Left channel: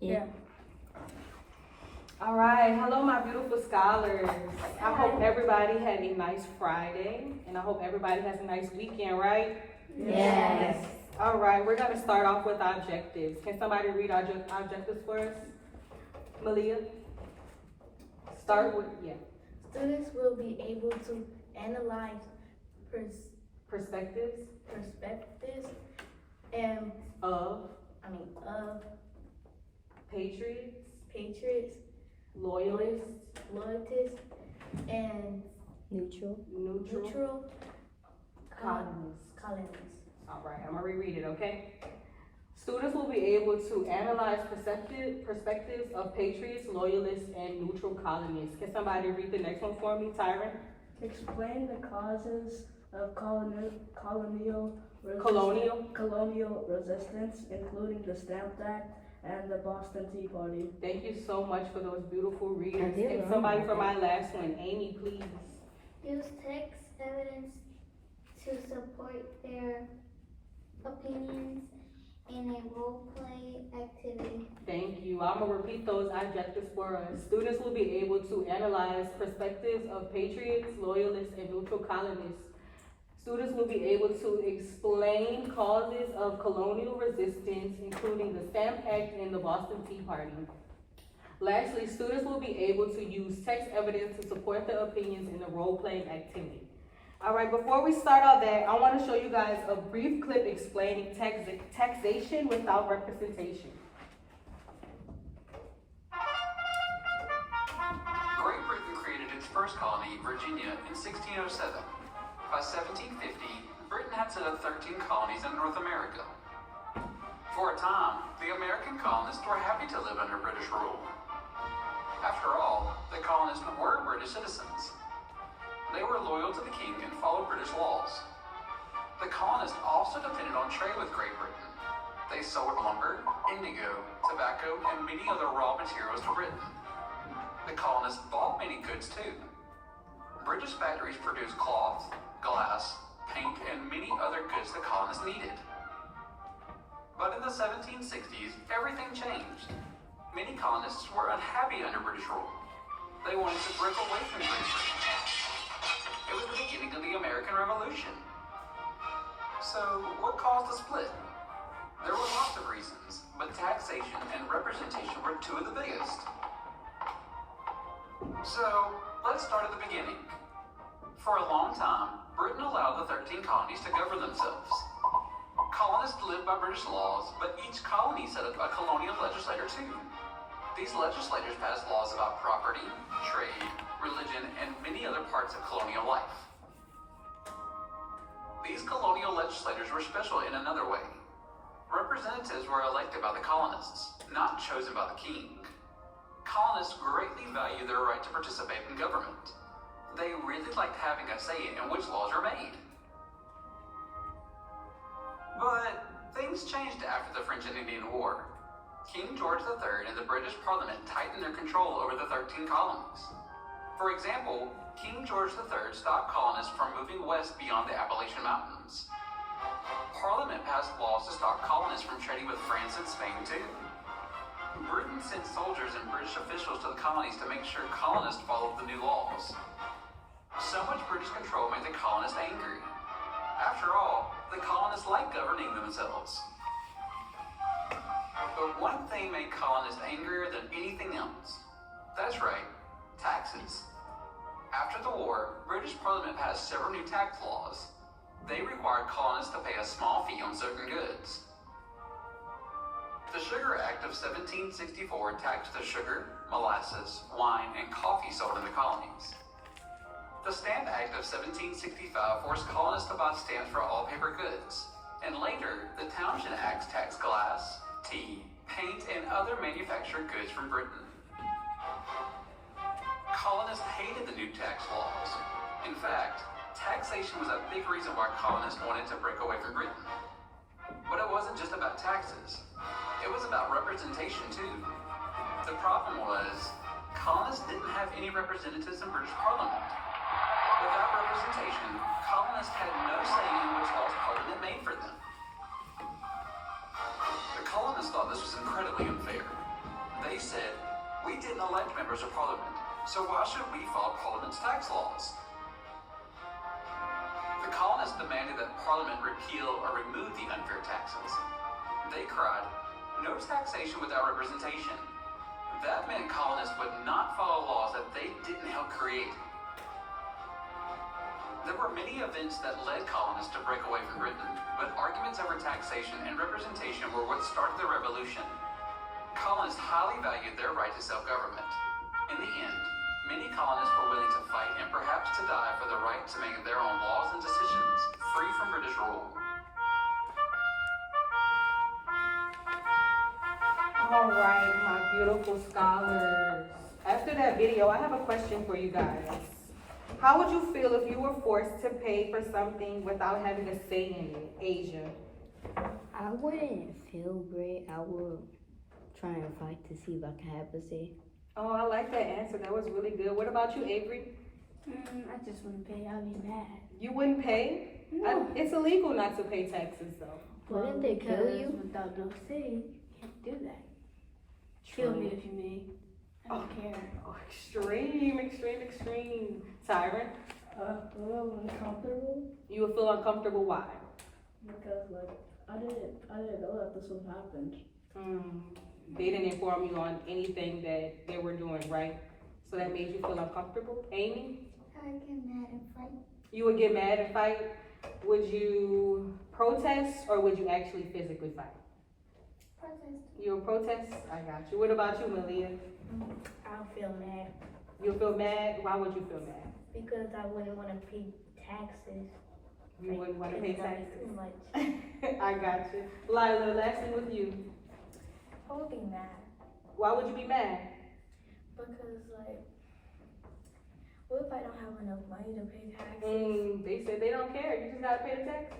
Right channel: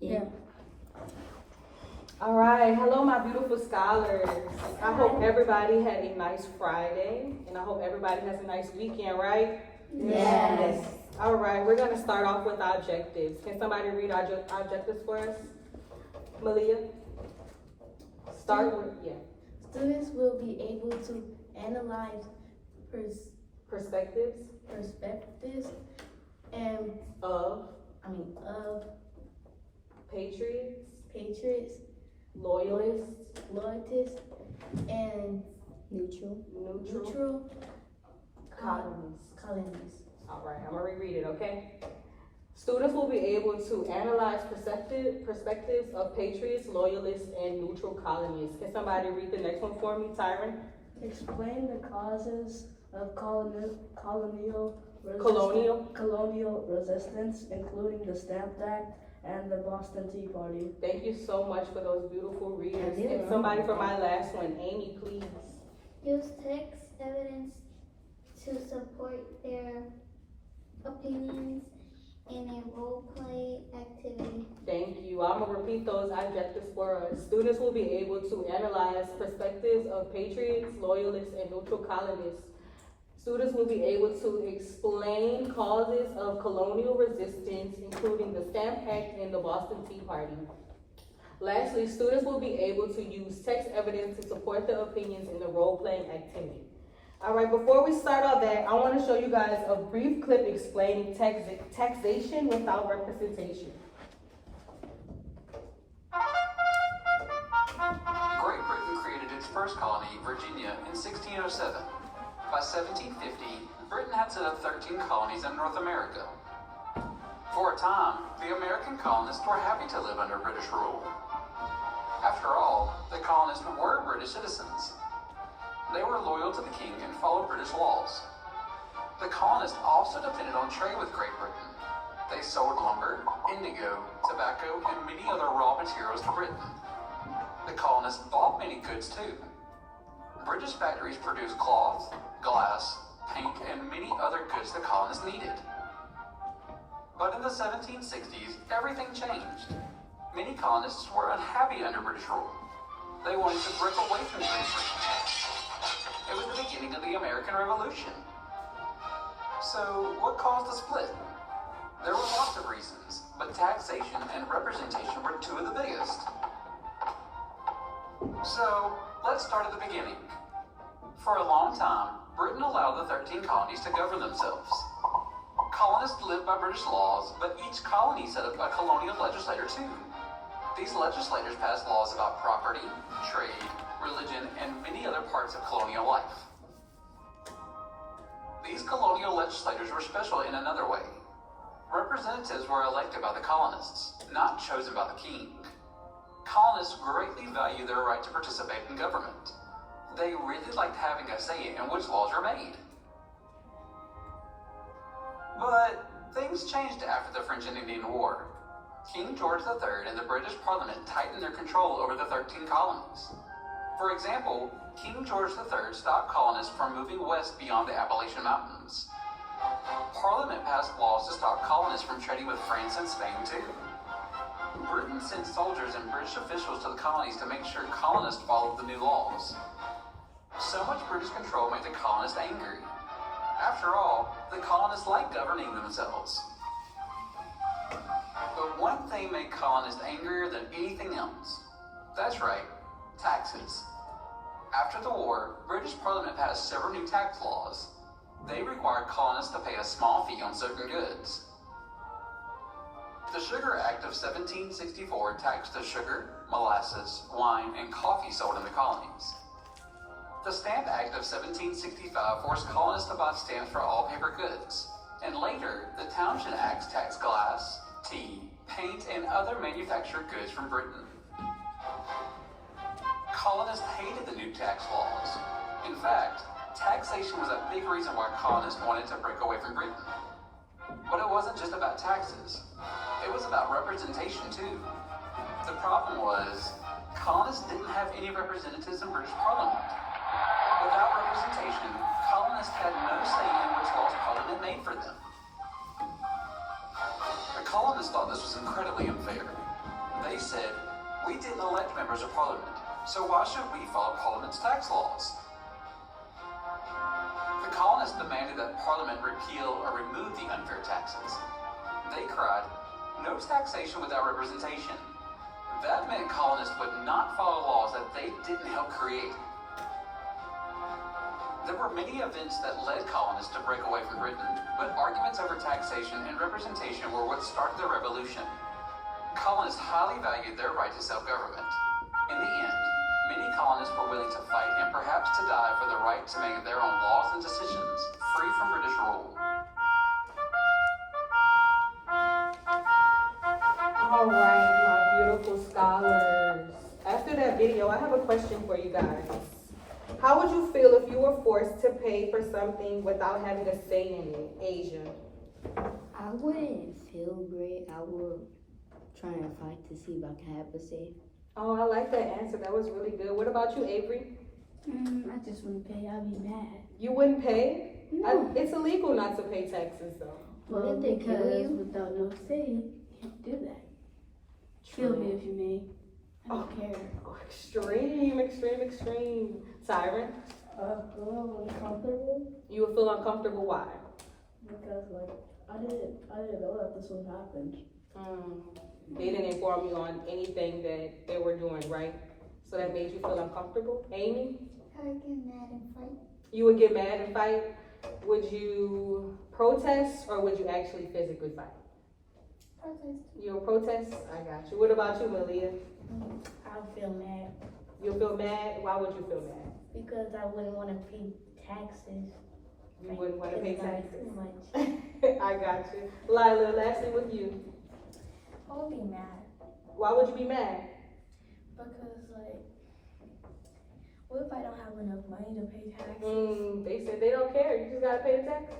Yeah. All right, hello my beautiful scholars. I hope everybody had a nice Friday and I hope everybody has a nice weekend, right? Yes. All right, we're gonna start off with our objectives. Can somebody read our objectives for us? Malia? Start with, yeah. Students will be able to analyze Perspectives perspectives and of of patriots, patriots, loyalists, loyalists, and neutral colonists. colonists. All right, I'm gonna reread it, okay? Students will be able to analyze perspectives of patriots, loyalists, and neutral colonists. Can somebody read the next one for me, Tyron? Explain the causes of colonial resistance, including the Stamp Act and the Boston Tea Party. Thank you so much for those beautiful readers. Yeah. And somebody for my last one, Amy, please. Use text evidence to support their opinions in a role play activity. Thank you. I'm gonna repeat those objectives for us. Students will be able to analyze perspectives of patriots, loyalists, and neutral colonists. Students will be able to explain causes of colonial resistance, including the Stamp Act and the Boston Tea Party. Lastly, students will be able to use text evidence to support their opinions in the role-playing activity. All right, before we start all that, I want to show you guys a brief clip explaining taxation without representation. Great Britain created its first colony, Virginia, in 1607. By 1750, Britain had set up 13 colonies in North America. For a time, the American colonists were happy to live under British rule. After all, the colonists were British citizens. They were loyal to the king and followed British laws. The colonists also depended on trade with Great Britain. They sold lumber, indigo, tobacco, and many other raw materials to Britain. The colonists bought many goods too. British factories produced cloth, glass, paint, and many other goods the colonists needed. But in the 1760s, everything changed. Many colonists were unhappy under British rule. They wanted to break away from Great Britain. It was the beginning of the American Revolution. So, what caused the split? There were lots of reasons, but taxation and representation were two of the biggest. So, let's start at the beginning. For a long time, Britain allowed the 13 colonies to govern themselves. Colonists lived by British laws, but each colony set up a colonial legislature too. These legislators passed laws about property, trade, religion, and many other parts of colonial life. These colonial legislators were special in another way. Representatives were elected by the colonists, not chosen by the king. Colonists greatly valued their right to participate in government. They really liked having a say in which laws were made. But things changed after the French and Indian War. King George III and the British Parliament tightened their control over the 13 colonies. For example, King George III stopped colonists from moving west beyond the Appalachian Mountains. Parliament passed laws to stop colonists from trading with France and Spain too. Britain sent soldiers and British officials to the colonies to make sure colonists followed the new laws. So much British control made the colonists angry. After all, the colonists liked governing themselves. But one thing made colonists angrier than anything else. That's right, taxes. After the war, British Parliament passed several new tax laws. They required colonists to pay a small fee on certain goods. The Sugar Act of 1764 taxed the sugar, molasses, wine, and coffee sold in the colonies. The Stamp Act of 1765 forced colonists to buy stamps for all paper goods, and later, the Townshend Acts taxed glass, tea, paint, and other manufactured goods from Britain. Colonists hated the new tax laws. In fact, taxation was a big reason why colonists wanted to break away from Britain. But it wasn't just about taxes. It was about representation too. The problem was, colonists didn't have any representatives in British Parliament. Without representation, colonists had no say in which laws Parliament made for them. The colonists thought this was incredibly unfair. They said, "We didn't elect members of parliament, so why should we follow parliament's tax laws?" The colonists demanded that parliament repeal or remove the unfair taxes. They cried, "No taxation without representation." That meant colonists would not follow laws that they didn't help create. There were many events that led colonists to break away from Britain, but arguments over taxation and representation were what started the revolution. Colonists highly valued their right to self-government. In the end, many colonists were willing to fight and perhaps to die for the right to make their own laws and decisions, free from British rule. All right, my beautiful scholars. After that video, I have a question for you guys. How would you feel if you were forced to pay for something without having a say in it, Asia? I wouldn't feel great. I would try and fight to see if I can have a say. Oh, I like that answer. That was really good. What about you, Avery? I just wouldn't pay. I'd be mad. You wouldn't pay? No. It's illegal not to pay taxes, though. What Well, if they kill because you? without no say, you can't do that. Kill me if you may. I don't care. Oh, extreme. Tyrant, A little uncomfortable you would feel uncomfortable. Why? because like I didn't know that this would happen. They didn't inform you on anything that they were doing, right? So that made you feel uncomfortable. Amy, I would get mad and fight. you would get mad and fight. Would you protest or would you actually physically fight? Protest. You would protest? I got you. What about you, Malia? I'll feel mad You'll feel mad? Why would you feel mad? because I wouldn't want to pay taxes. You wouldn't want to pay It's gonna be taxes. too much. I got you. Lila, lastly with you. I would be mad Why would you be mad? because, like, what if I don't have enough money to pay taxes? They said they don't care. You just gotta pay the taxes.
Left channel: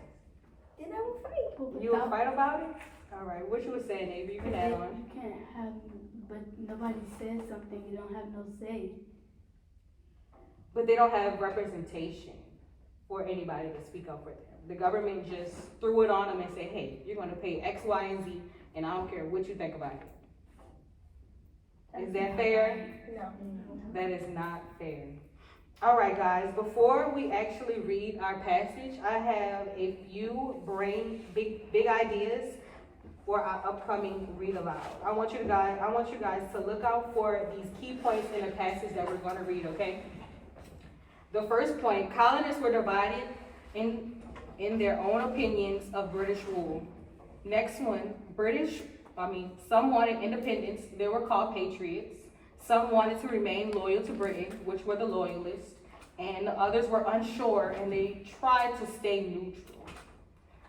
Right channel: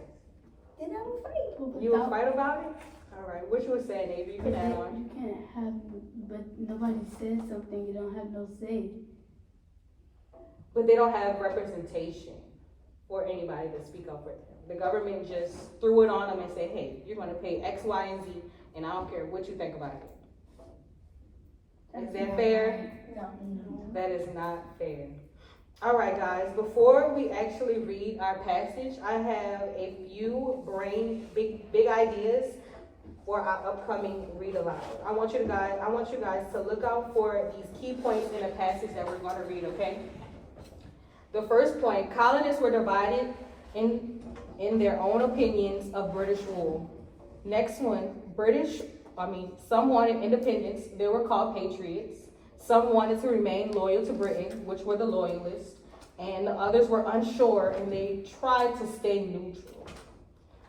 Then I would fight. You would fight about it? All right. What you were saying, Avery? You can add on. You can't have, but nobody says something. You don't have no say. But they don't have representation or anybody to speak up for them. The government just threw it on them and said, "Hey, you're gonna pay X, Y, and Z, and I don't care what you think about it." Is that fair? No. That is not fair. All right, guys, before we actually read our passage, I have a few big ideas for our upcoming read aloud. I want you guys to look out for these key points in the passage that we're going to read, okay? The first point, colonists were divided in their own opinions of British rule. Next one, some wanted independence, they were called patriots. Some wanted to remain loyal to Britain, which were the loyalists, and the others were unsure and they tried to stay neutral.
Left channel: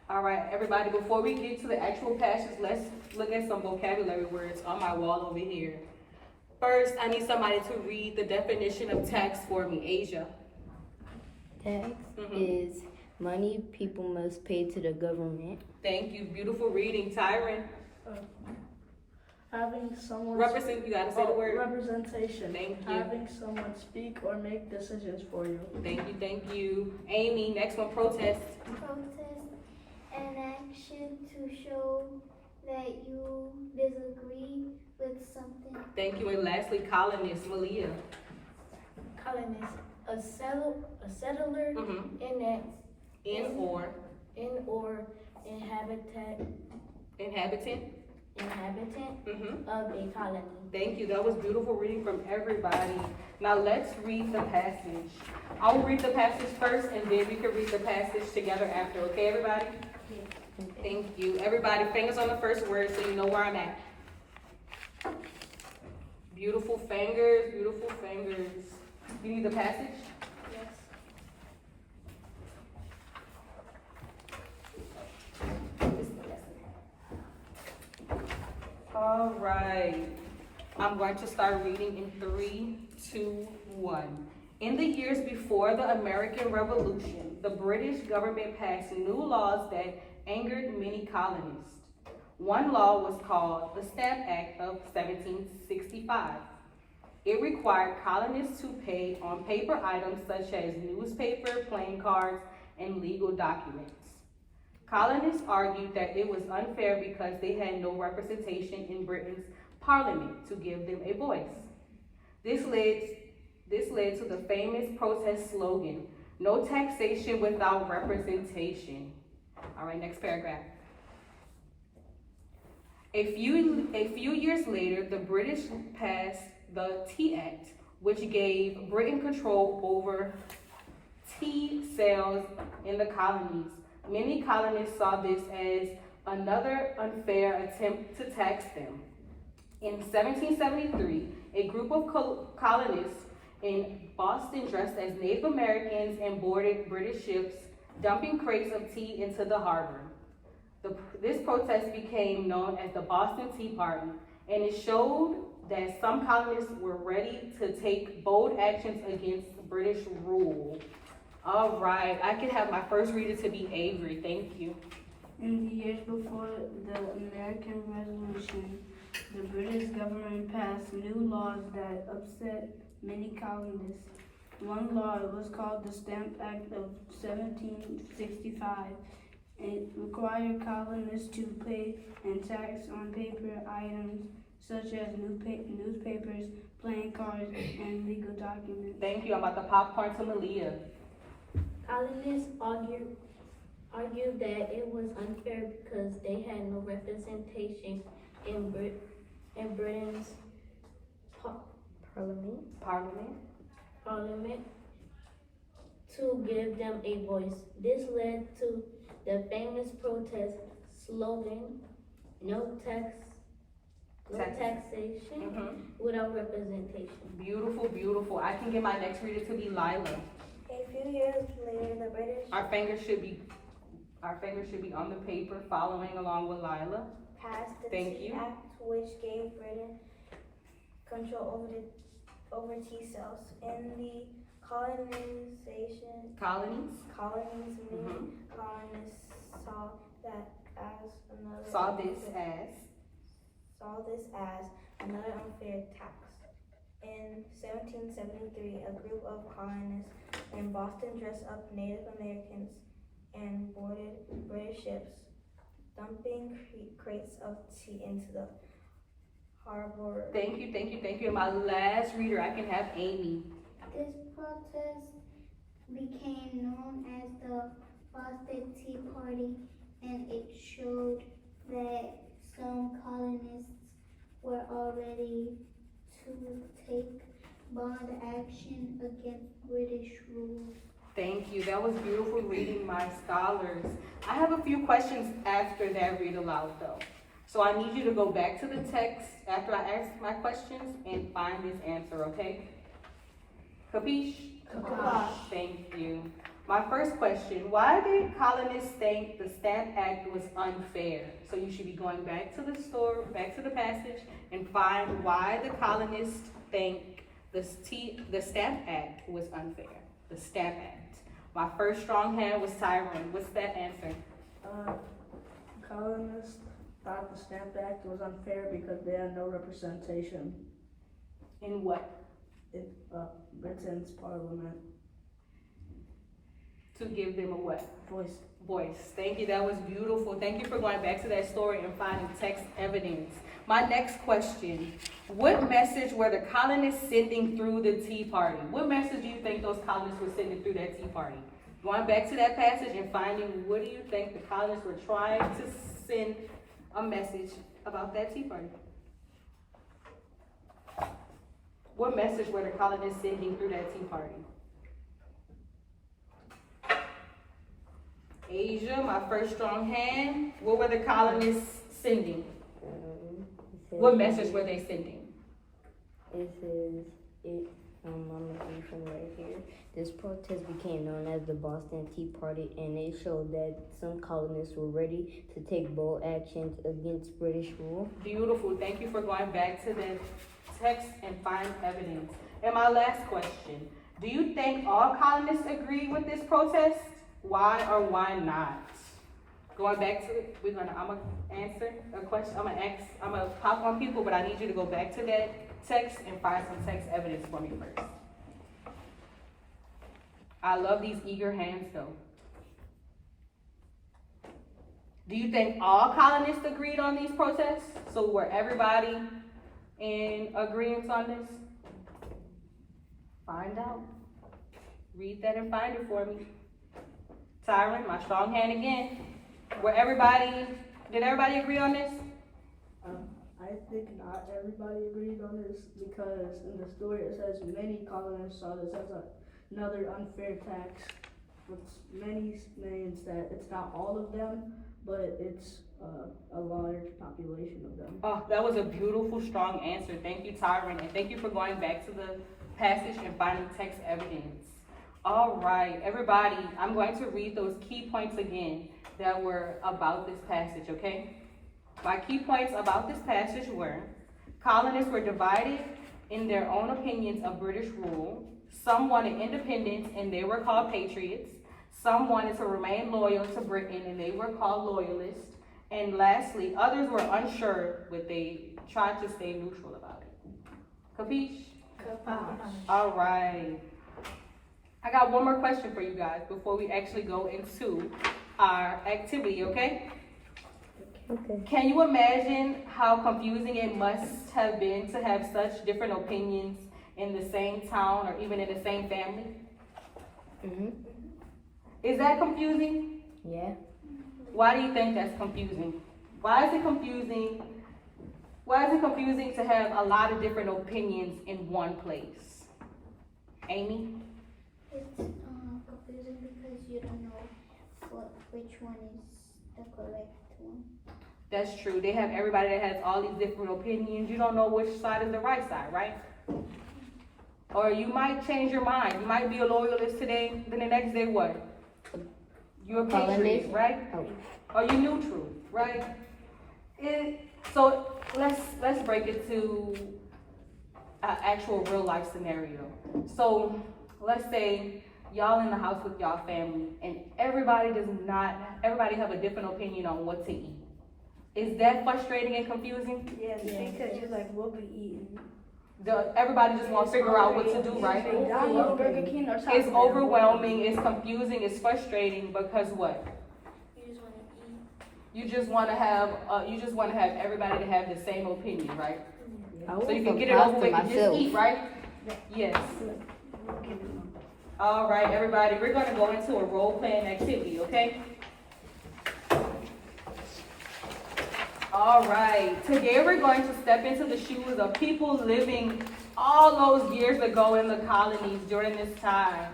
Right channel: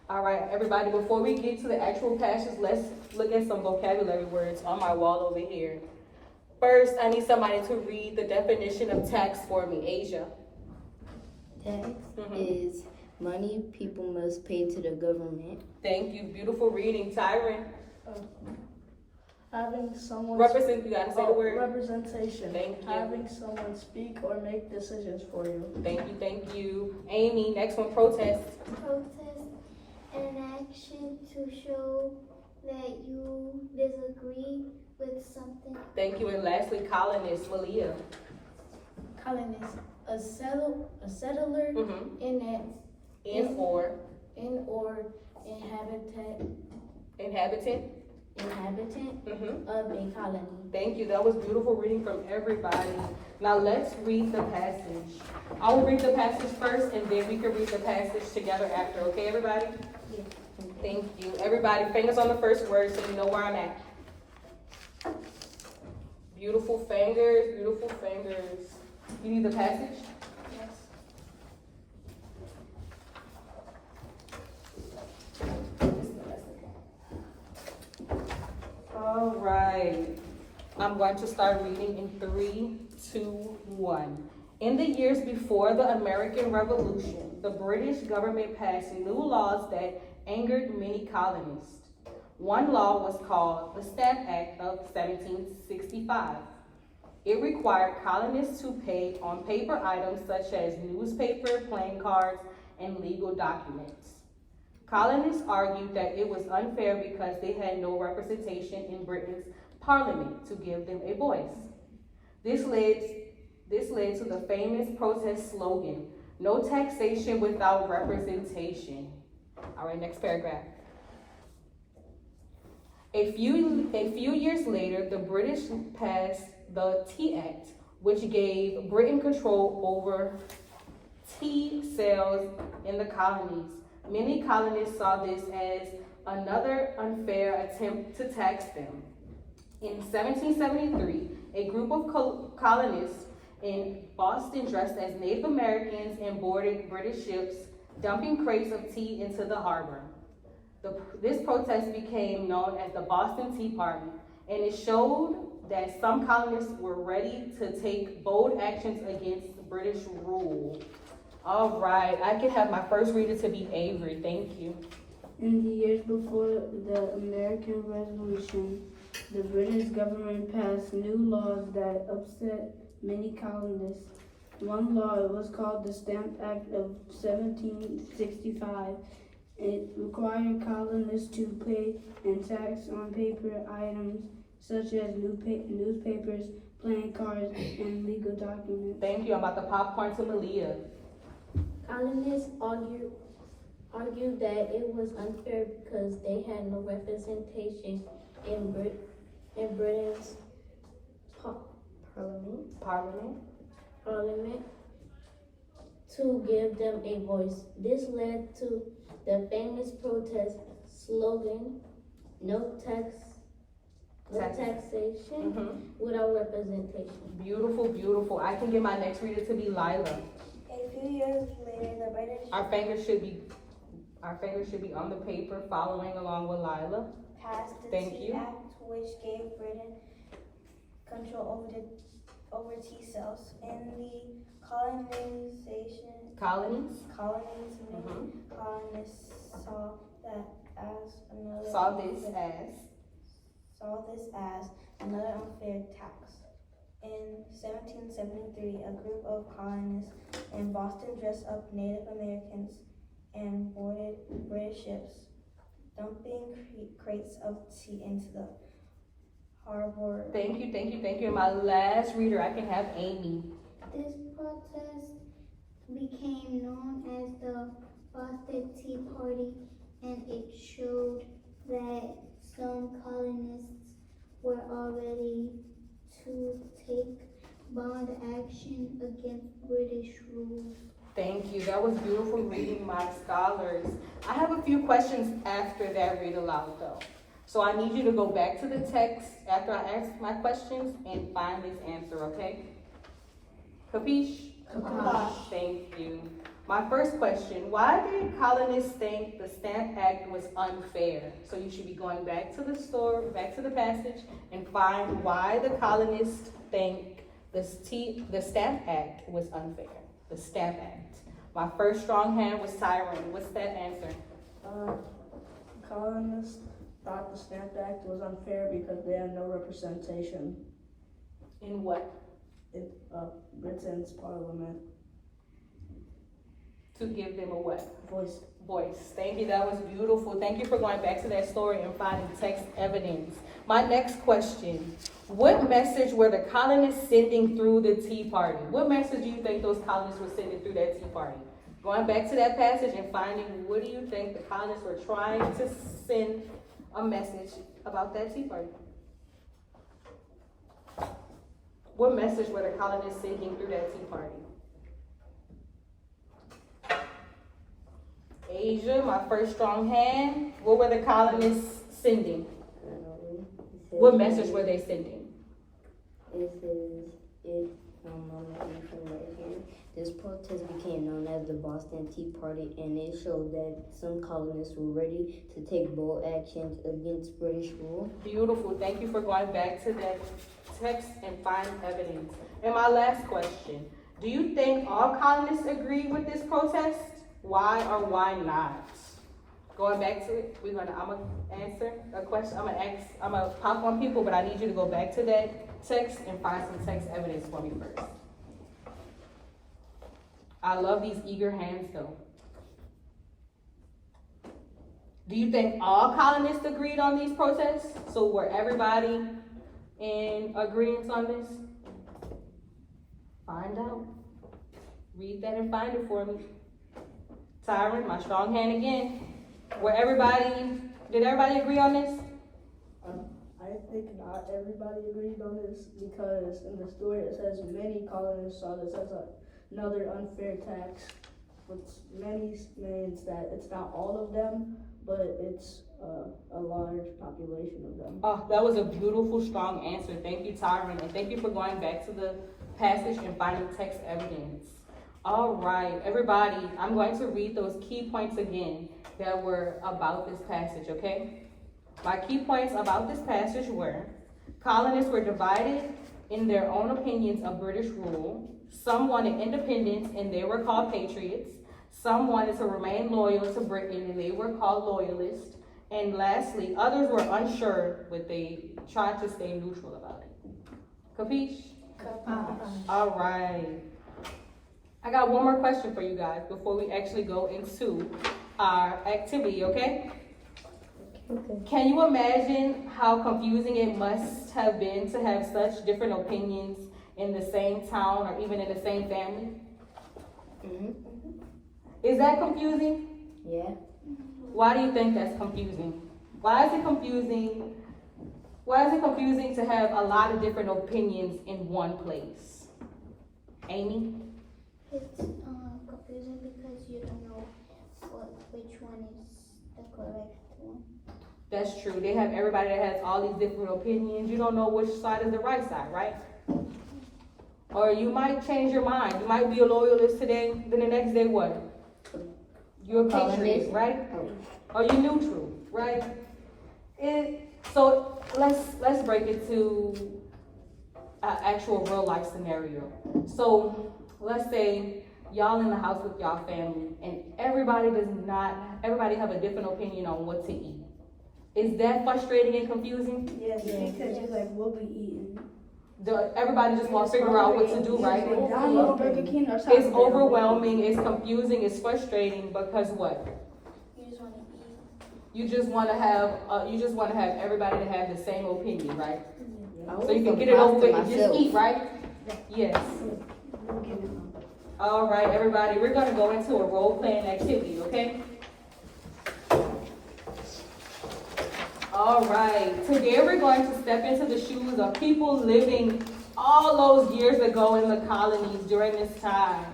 All right, everybody, before we get to the actual passage, let's look at some vocabulary words on my wall over here. First, I need somebody to read the definition of tax for me. Asia. Tax is money people must pay to the government. Thank you. Beautiful reading. Tyron. Having someone You gotta say the word. representation. Thank you. Having someone speak or make decisions for you. Thank you. Amy, next one, protest. Protest, an action to show that you disagree with something. Thank you. And lastly, colonist, Malia. Colonist, a settler In or inhabitant inhabitant. of a colony. Thank you. That was beautiful reading from everybody. Now let's read the passage. I will read the passage first and then we can read the passage together after. Okay, everybody? Thank you. Everybody, fingers on the first word so you know where I'm at. Beautiful fingers, beautiful fingers. You need the passage? All right. I'm going to start reading in 3, 2, 1. In the years before the American Revolution, the British government passed new laws that angered many colonists. One law was called the Stamp Act of 1765. It required colonists to pay on paper items such as newspaper, playing cards, and legal documents. Colonists argued that it was unfair because they had no representation in Britain's Parliament to give them a voice. This led to the famous protest slogan, "No taxation without representation." All right, next paragraph. A few years later, the British passed the Tea Act, which gave Britain control over tea sales in the colonies. Many colonists saw this as another unfair attempt to tax them. In 1773, a group of colonists in Boston dressed as Native Americans and boarded British ships, dumping crates of tea into the harbor. This protest became known as the Boston Tea Party, and it showed that some colonists were ready to take bold actions against British rule. All right, I can have my first reader to be Avery. Thank you. In the years before the American Revolution, the British government passed new laws that upset many colonists. One law was called the Stamp Act of 1765. It required colonists to pay a tax on paper items such as newspapers, playing cards, and legal documents. Thank you. I'm about to popcorn to Malia. Colonists argued that it was unfair because they had no representation in Britain's parliament to give them a voice. This led to the famous protest slogan, "No taxation without representation." Beautiful, beautiful. I can get my next reader to be Lila. A few years later, the British Our fingers should be on the paper, following along with Lila. passed the Thank Tea you. Act, which gave Britain control over tea sales. In the Colonies. colonies Mhm. colonists saw this as another unfair tax. In 1773, a group of colonists in Boston dressed up Native Americans and boarded British ships, dumping crates of tea into the harbor. Thank you. And my last reader, I can have Amy. This protest became known as the Boston Tea Party, and it showed that some colonists were already to take bold action against British rule. Thank you. That was beautiful reading, my scholars. I have a few questions after that read aloud though. So I need you to go back to the text after I ask my questions and find this answer, okay? Capiche? Capiche. Thank you. My first question, why did colonists think the Stamp Act was unfair? So you should be going back to the passage, and find why the colonists think the Stamp Act was unfair. The Stamp Act. My first strong hand was Tyrone. What's that answer? Colonists thought the Stamp Act was unfair because they had no representation In what? in Britain's parliament. To give them a what? Voice. Thank you. That was beautiful. Thank you for going back to that story and finding text evidence. My next question. What message were the colonists sending through the Tea Party? What message do you think those colonists were sending through that Tea Party? Going back to that passage and finding what do you think the colonists were trying to send a message about that Tea Party? What message were the colonists sending through that Tea Party? Asia, my first strong hand. What were the colonists sending? What message were they sending? It says, this protest became known as the Boston Tea Party, and it showed that some colonists were ready to take bold actions against British rule. Beautiful. Thank you for going back to the text and find evidence. And my last question. Do you think all colonists agreed with this protest? Why or why not? Going back to it, I'm gonna answer a question. I'm gonna pop on people, but I need you to go back to that text and find some text evidence for me first. I love these eager hands though. Do you think all colonists agreed on these protests? So were everybody in agreement on this? Find out. Read that and find it for me. Tyron, my strong hand again. Did everybody agree on this? I think not everybody agrees on this because in the story it says many colonists saw this as another unfair tax. What's many means that it's not all of them, but it's a large population of them. Oh, that was a beautiful, strong answer. Thank you, Tyron, and thank you for going back to the passage and finding text evidence. All right, everybody, I'm going to read those key points again that were about this passage, okay? My key points about this passage were: colonists were divided in their own opinions of British rule. Some wanted independence and they were called patriots. Some wanted to remain loyal to Britain and they were called loyalists. And lastly, others were unsure, but they tried to stay neutral about it. Capiche? All right. I got one more question for you guys before we actually go into our activity, okay? Okay. Can you imagine how confusing it must have been to have such different opinions in the same town or even in the same family? Mhm. Is that confusing? Yeah. Why do you think that's confusing? Why is it confusing? Why is it confusing to have a lot of different opinions in one place? Amy? It's confusing because you don't know which one is the correct one. That's true. They have everybody that has all these different opinions. You don't know which side is the right side, right? Or you might change your mind. You might be a loyalist today, then the next day what? You're a patriot, right? Or you're neutral, right? So let's break it to an actual real life scenario. So let's say y'all in the house with y'all family and everybody have a different opinion on what to eat. Is that frustrating and confusing? Yes, because you're like, what we eating? Everybody just wants to figure out what to do, right? McDonald's, Burger King, or something. It's overwhelming, it's confusing, it's frustrating because what? You just want to have everybody to have the same opinion, right? So you can get it over with and just eat, right? Yes. All right, everybody, we're gonna go into a role-playing activity, okay? All right, today we're going to step into the shoes of people living all those years ago in the colonies during this time.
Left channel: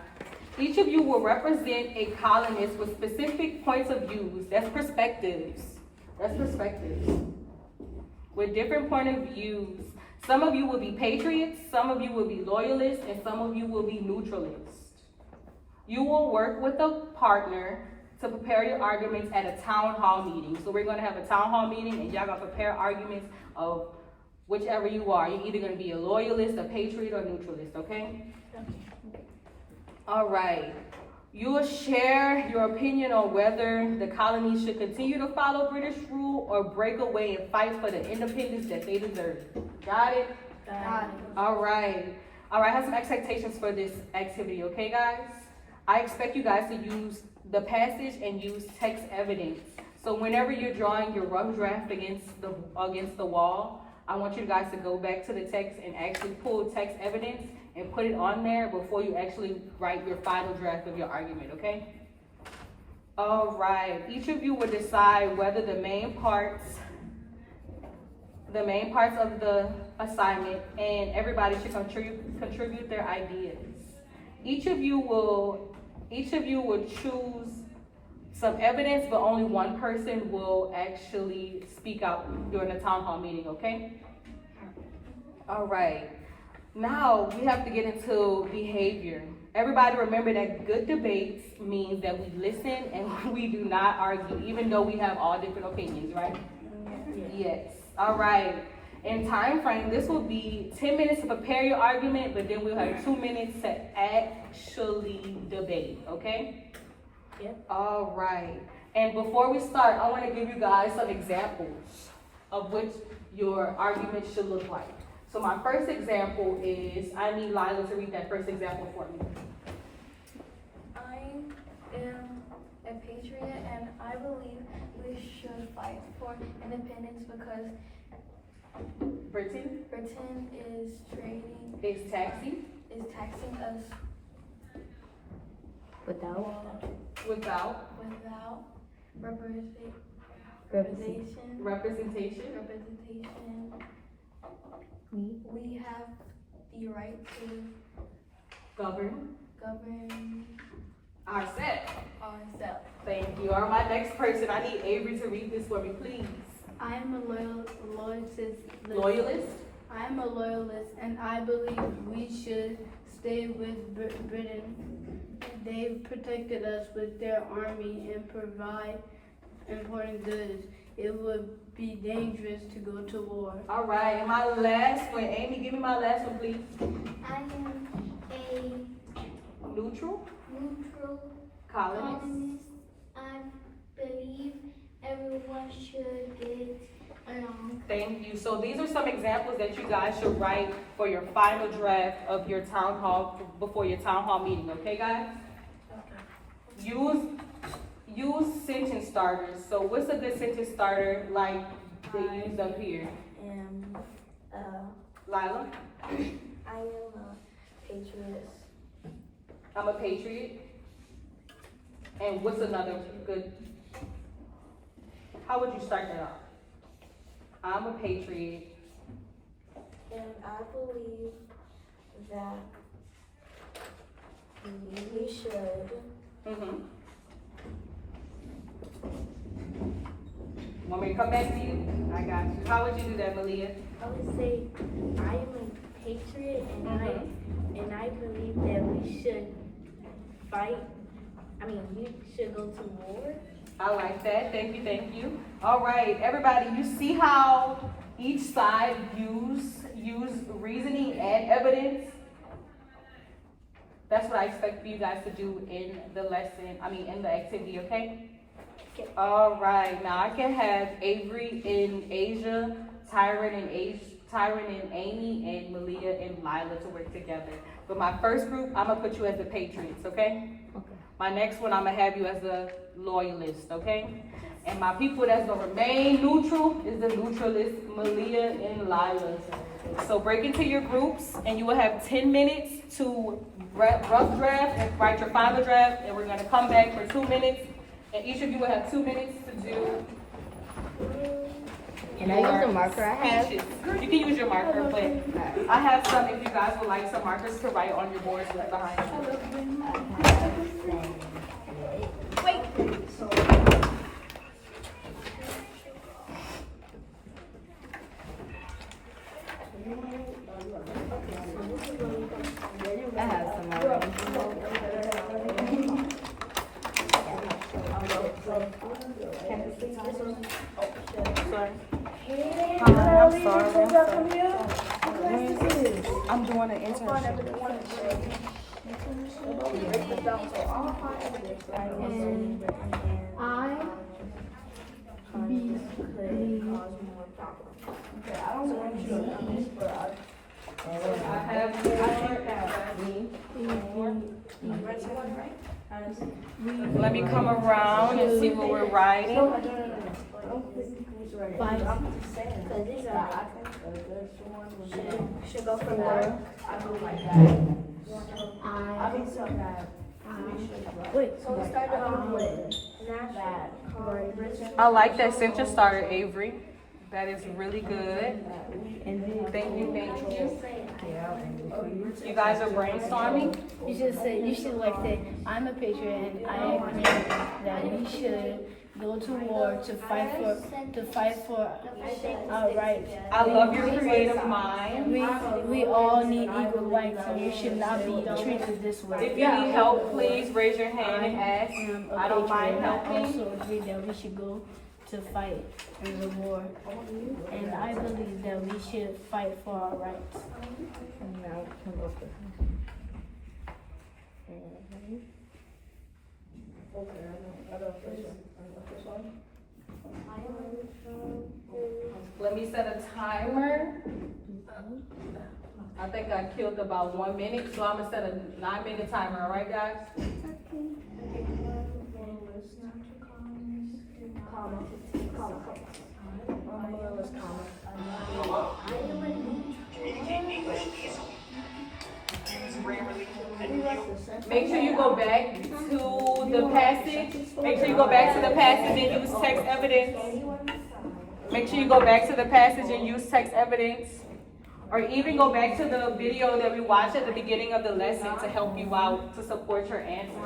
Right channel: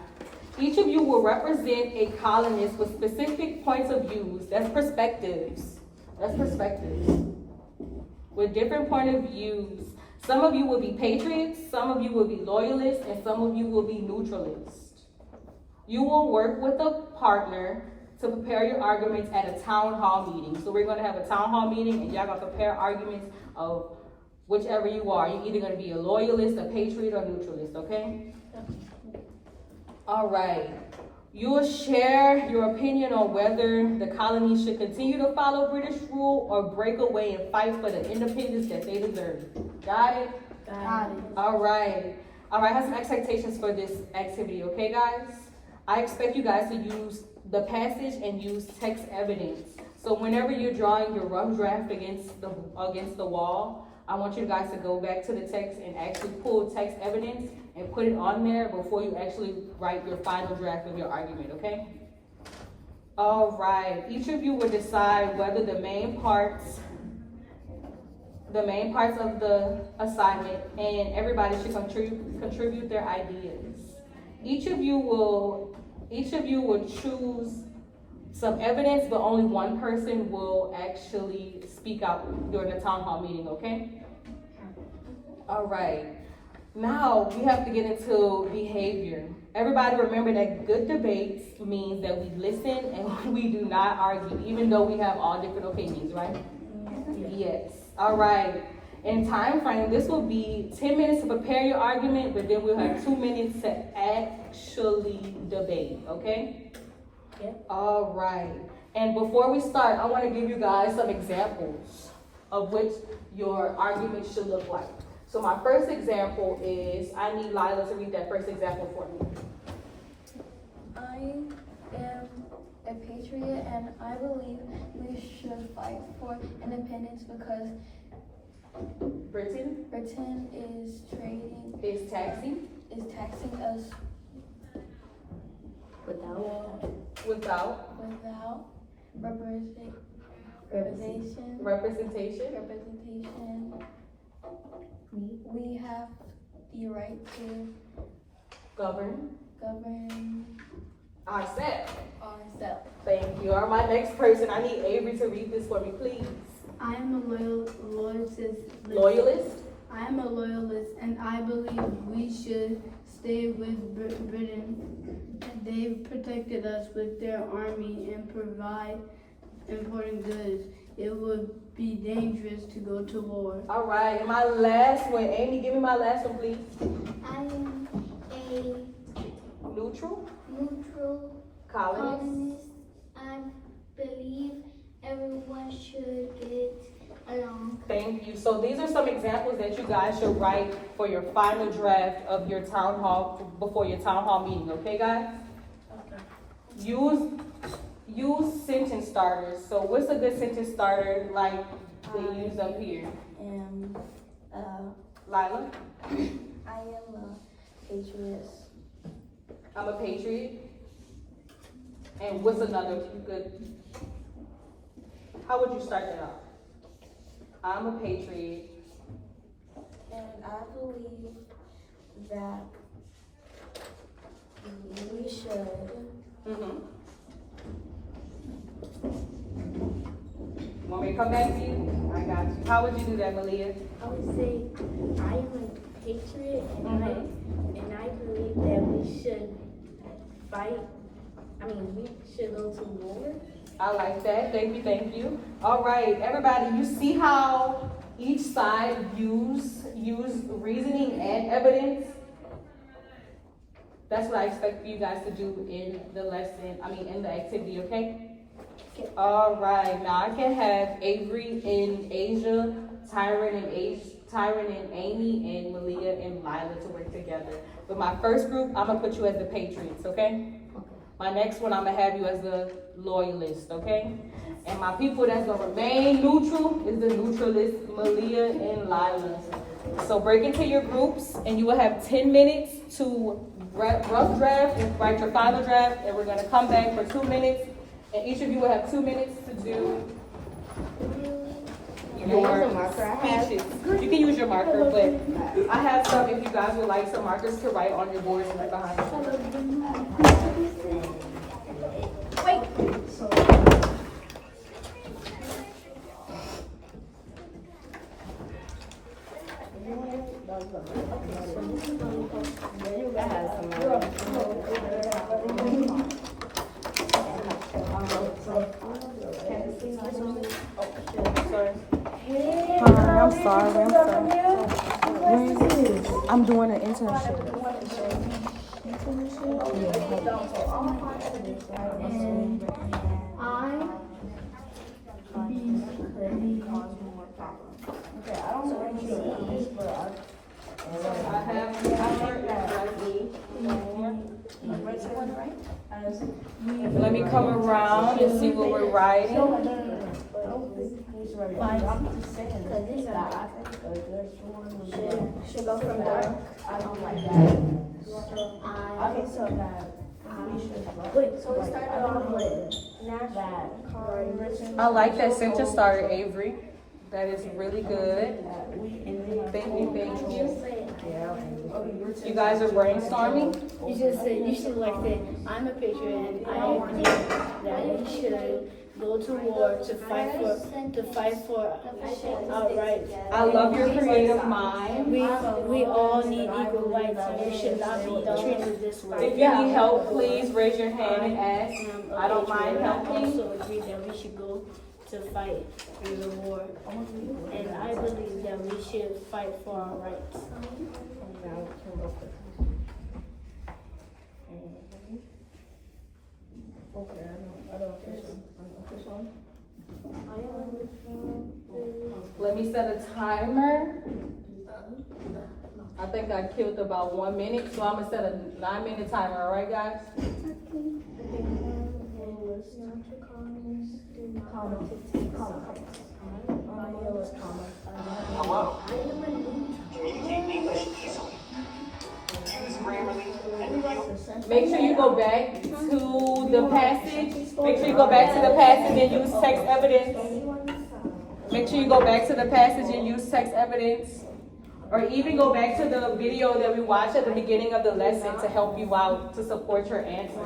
Each of you will represent a colonist with specific points of views. That's perspectives. With different point of views. Some of you will be patriots, some of you will be loyalists, and some of you will be neutralists. You will work with a partner to prepare your arguments at a town hall meeting. So we're gonna have a town hall meeting and y'all gonna prepare arguments of whichever you are. You're either gonna be a loyalist, a patriot, or neutralist, okay? All right. You will share your opinion on whether the colonies should continue to follow British rule or break away and fight for the independence that they deserve. Got it? Got it. All right. I have some expectations for this activity, okay, guys? I expect you guys to use the passage and use text evidence. So whenever you're drawing your rough draft against the wall, I want you guys to go back to the text and actually pull text evidence and put it on there before you actually write your final draft of your argument, okay? All right, each of you will decide whether the main parts of the assignment, and everybody should contribute their ideas. Each of you will choose some evidence, but only one person will actually speak out during the town hall meeting, okay? All right. Now we have to get into behavior. Everybody remember that good debates means that we listen and we do not argue, even though we have all different opinions, right? Yes. All right. In time frame, this will be 10 minutes to prepare your argument, but then we'll have 2 minutes to actually debate, okay? Yeah. All right. And before we start, I want to give you guys some examples of what your argument should look like. So my first example is, I need Lila to read that first example for me. I am a patriot and I believe we should fight for independence because Britain Britain is trading, is taxing is taxing us Without without without representation. representation. We have the right to Govern govern ourselves. ourselves. Thank you. All right, my next person, I need Avery to read this for me, please. I am a Loyalist. I am a loyalist, and I believe we should stay with Britain. They've protected us with their army and provide important goods. It would be dangerous to go to war. All right, and my last one, Amy, give me my last one, please. I am a Neutral neutral colonist. colonist. I believe everyone should get along. Thank you. So these are some examples that you guys should write for your final draft of your town hall, before your town hall meeting, okay, guys? Use sentence starters. So what's a good sentence starter like they use up here? Lila? I am a patriot. I'm a patriot. And what's another good? How would you start that off? I'm a patriot. And I believe that we should Mm-hmm. Want me to come back to you? I got you. How would you do that, Malia? I would say I am a patriot, and I believe that we should fight. We should go to war. I like that. Thank you, thank you. All right, everybody, you see how each side use reasoning and evidence? That's what I expect for you guys to do in the lesson, in the activity, okay? All right, now I can have Avery and Asia, Tyron and Amy, and Malia and Lila to work together. But my first group, I'm gonna put you as the Patriots, okay? My next one, I'm gonna have you as the Loyalist, okay? And my people that's gonna remain neutral is the Neutralist, Malia and Lila. So break into your groups, and you will have 10 minutes to rough draft and write your final draft, and we're gonna come back for 2 minutes, and each of you will have 2 minutes to do Can I use a marker I have? speeches. You can use your marker, but I have some if you guys would like some markers to write on your boards with behind you. I have some. Hi, I'm sorry. I'm doing an internship. Okay, I don't know what you do this, but I have Let me come around and see what we're writing. should go from dark. Okay, so so we started off with I like that sentence starter, Avery. That is really good. Thank you, thank you. You guys are brainstorming? You should like say, I'm a patriot, and I believe that we should go to war to fight for our rights. I love your creative mind. We all need equal rights, and we should not be treated this way. If you need help, please raise your hand and ask. I don't mind I helping. also agree that we should go to fight in the war, and I believe that we should fight for our rights. Let me set a timer. I think I killed about 1 minute, so I'm gonna set a 9-minute timer, all right, guys? Hello. Communicate English easily. Use Grammarly and review. Make sure you go back to the passage. Make sure you go back to the passage and use text evidence. Make sure you go back to the passage and use text evidence. Or even go back to the video that we watched at the beginning of the lesson to help you out, to support your answer.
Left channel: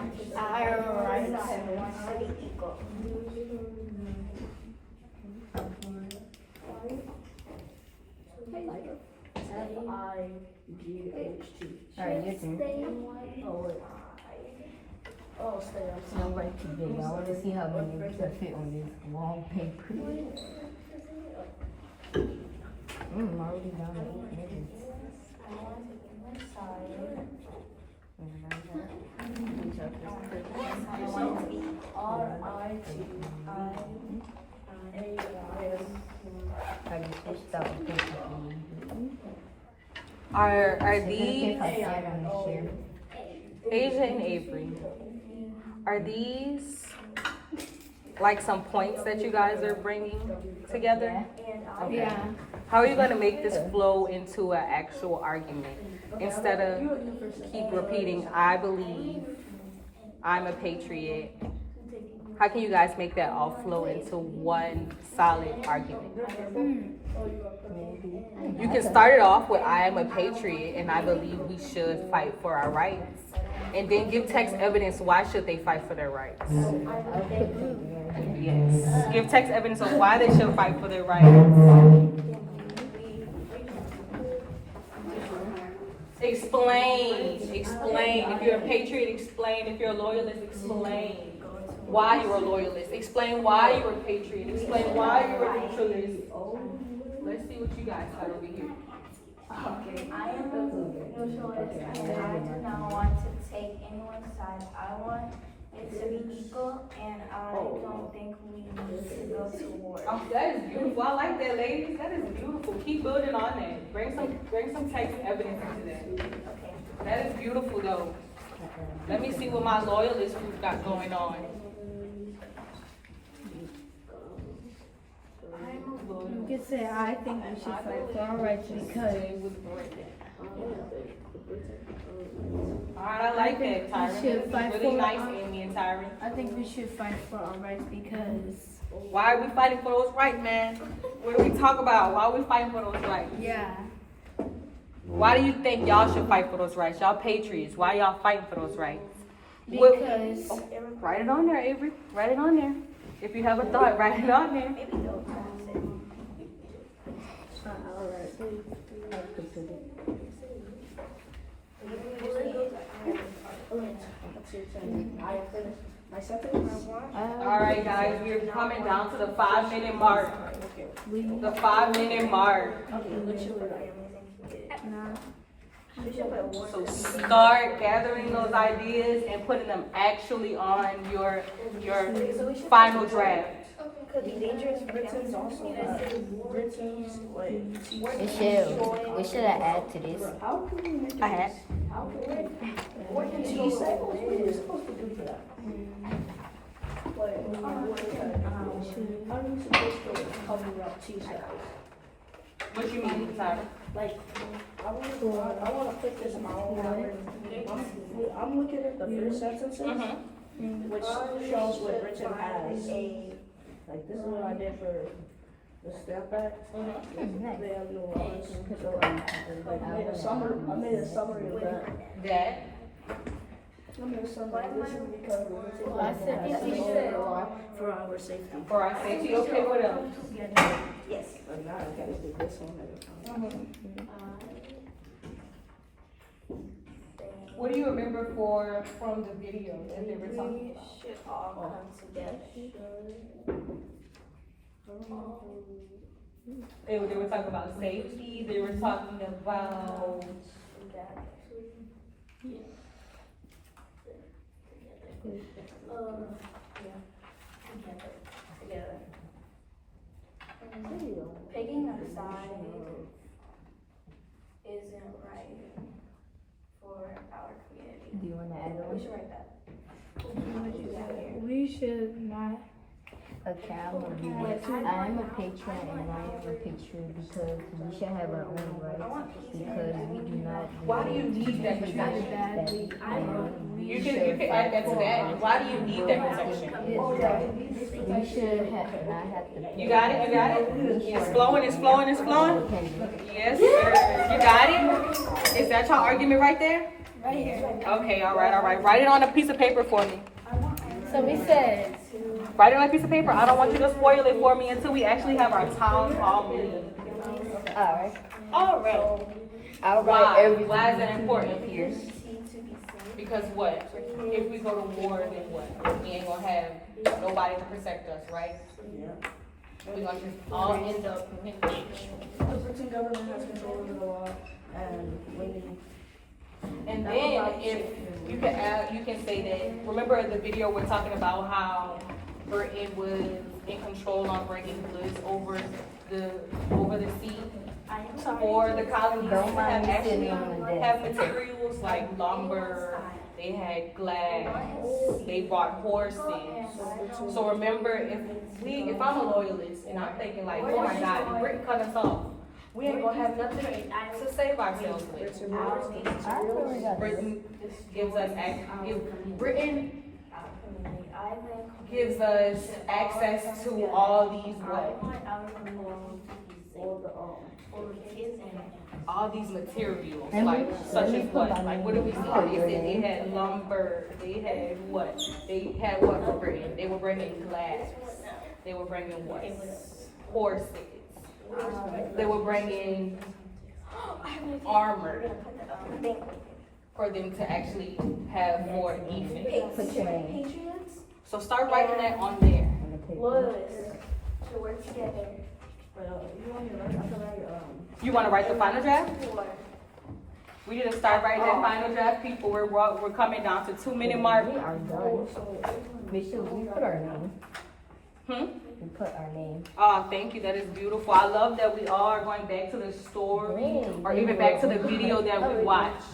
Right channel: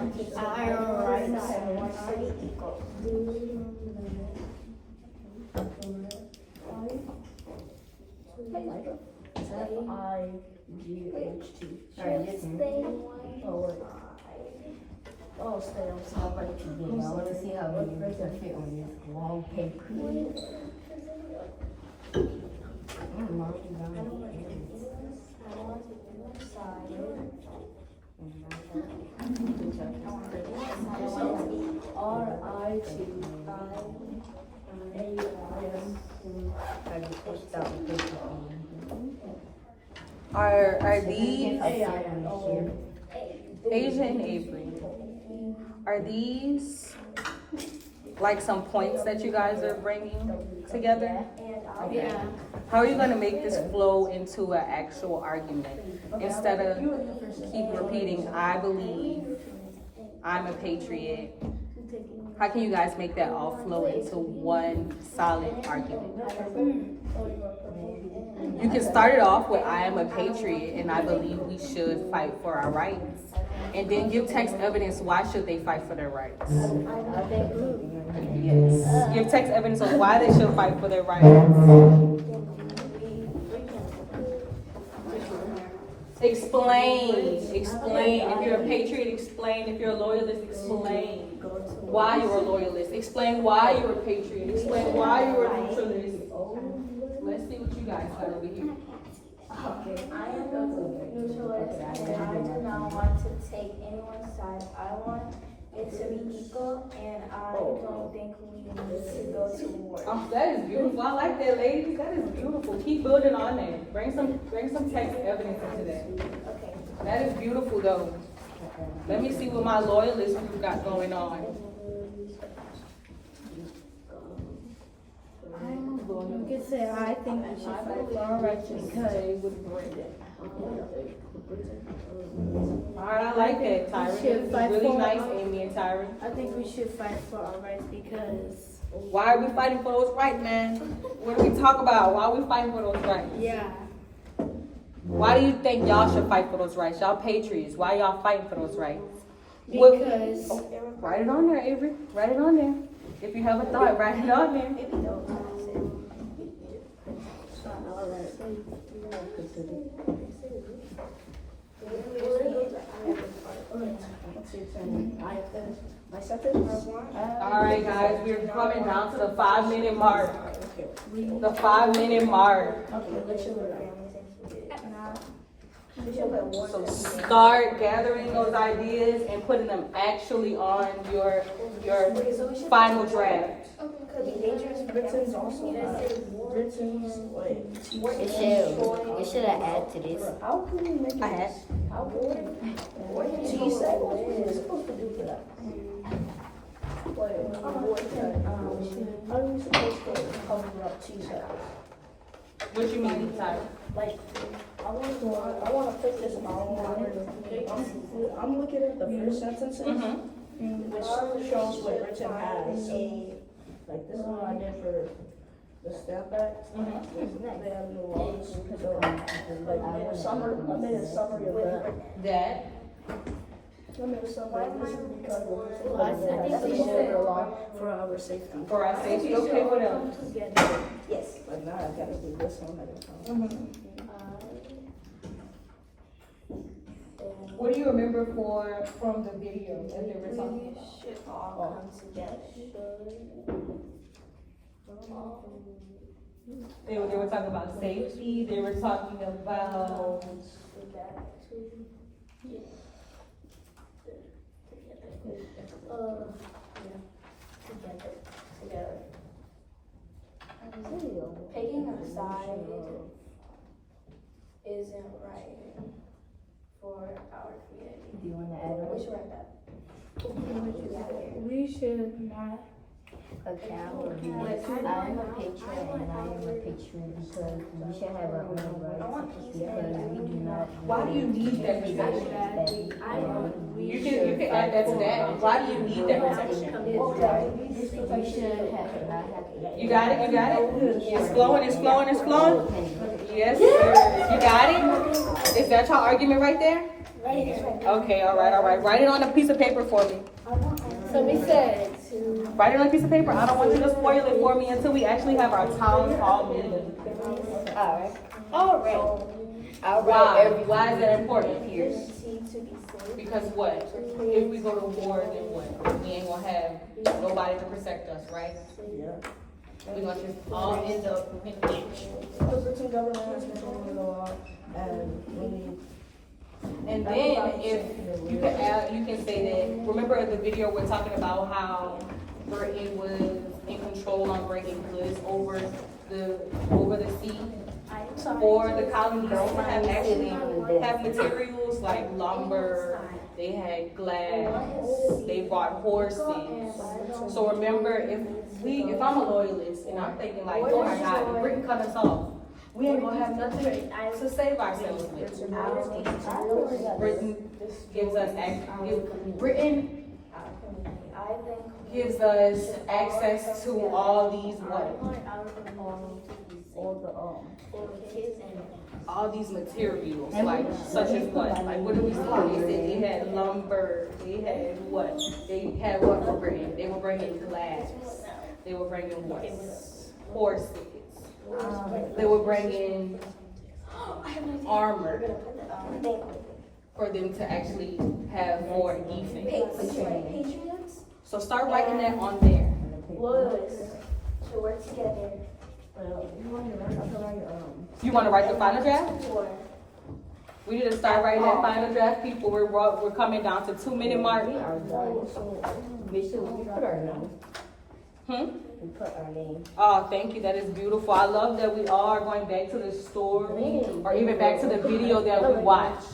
F-I-G-H-T. Alright, your turn. Oh, wait. Oh, stay on I want to see how many you can fit on this long paper. I'm already done. Are these Asia and Avery? Are these like some points that you guys are bringing together? Yeah. How are you gonna make this flow into an actual argument instead of keep repeating, I believe, I'm a patriot? How can you guys make that all flow into one solid argument? You can start it off with, I am a patriot and I believe we should fight for our rights. And then give text evidence why should they fight for their rights. Yes. Give text evidence of why they should fight for their rights. Explain. If you're a patriot, explain. If you're a loyalist, explain why you're a loyalist. Explain why you're a patriot. Explain why you're a neutralist. Let's see what you guys got over here. Okay, I am a neutralist and I do not want to take anyone's side. I want it to be equal and I don't think we need to go to war. Oh, that is beautiful. I like that, ladies. That is beautiful. Keep building on that. Bring some text evidence into that. Okay. That is beautiful, though. Let me see what my loyalist group got going on. You could say, I think we should fight for our rights because. Alright, I like that, Tyron. This is really nice, Amy and Tyron. I think we should fight for our rights because. Why are we fighting for those rights, man? What do we talk about? Why are we fighting for those rights? Yeah. Why do you think y'all should fight for those rights? Y'all patriots. Why y'all fighting for those rights? Because. Write it on there, Avery. Write it on there. If you have a thought, write it on there. Alright guys, we're coming down to the 5-minute mark. The 5-minute mark. So start gathering those ideas and putting them actually on your final draft. Britain's also Britain's like It should have added to this. how can we make it? I had. How can we? What are you supposed to do for that? Like, how are you supposed to talk about TSAT? What you mean, Tyra? Like, I want to put this in my own mind. I'm looking at the first sentences, which shows what Britain has. Like, this is what I did for the Stamp Act. They have no laws. So, I made a summary of that. Dad? I made a summary of this because I think we should for our safety. For our safety? Okay, what else? yes. But now I gotta do this one at a time. What do you remember from the video that they were talking about? Should all come together. They were talking about safety, they were talking about Together. Picking a side isn't right for our community. Do you want to add on? We should write that. We should not Okay, I will do this. I am a patriot and I am a patriot because we should have our own rights because we do not. Why do you need that protection? You can add that to that. Why do you need that protection? We should not have to. You got it? You got it? It's flowing, it's flowing, it's flowing? Yes, sir. You got it? Is that your argument right there? Okay, all right. Write it on a piece of paper for me. So we said. Write it on a piece of paper. I don't want you to spoil it for me until we actually have our town hall meeting. Alright. Why is that important, Pierce? Because what? If we go to war, then what? We ain't gonna have nobody to protect us, right? We're gonna just all end up in the ditch. The Britain government has control over the law, and we need. And then if you can add, you can say that, remember the video we're talking about how Britain was in control on bringing goods over the sea? Or the colonies have actually have materials like lumber, they had glass, they brought horses. So remember, if I'm a loyalist and I'm thinking like, oh my God, if Britain cut us off, we ain't gonna have nothing to save ourselves with. Britain gives us access to all these all these materials, like such as what? Like what did we see? They said they had lumber, they had what? They had what for Britain? They were bringing glass. They were bringing what? Horses. They were bringing armor for them to actually have more defense. So start writing that on there. To work together. You want to write the final draft? We need to start writing that final draft, people. We're coming down to 2-minute mark. We put our name. We put our name. Oh, thank you. That is beautiful. I love that we all are going back to the story or even back to the video that we watched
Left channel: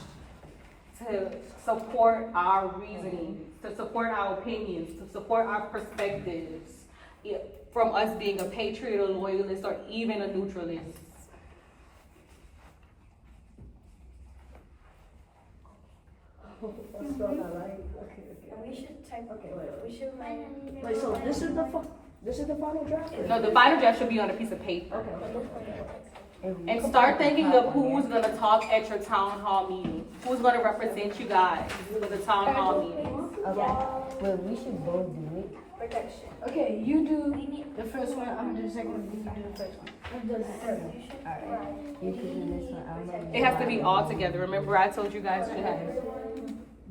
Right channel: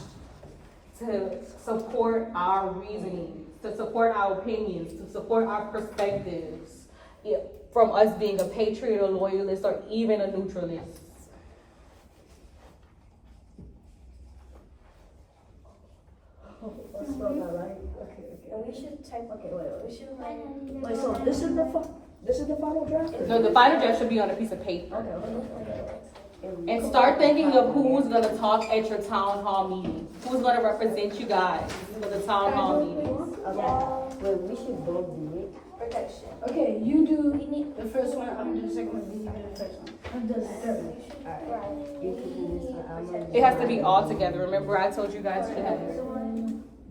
to support our reasoning, to support our opinions, to support our perspectives from us being a patriot, a loyalist, or even a neutralist. Let's spell that right. Okay. And we should type. We should Wait, so this is the final draft? No, the final draft should be on a piece of paper. And start thinking of who's gonna talk at your town hall meeting. Who's gonna represent you guys for the town hall meeting. Well, we should both do it. protection. Okay, you do the first one, I'm gonna do the second one, then you do the first one. I'm doing the third one. You can do this one. It has to be all together. Remember I told you guys to have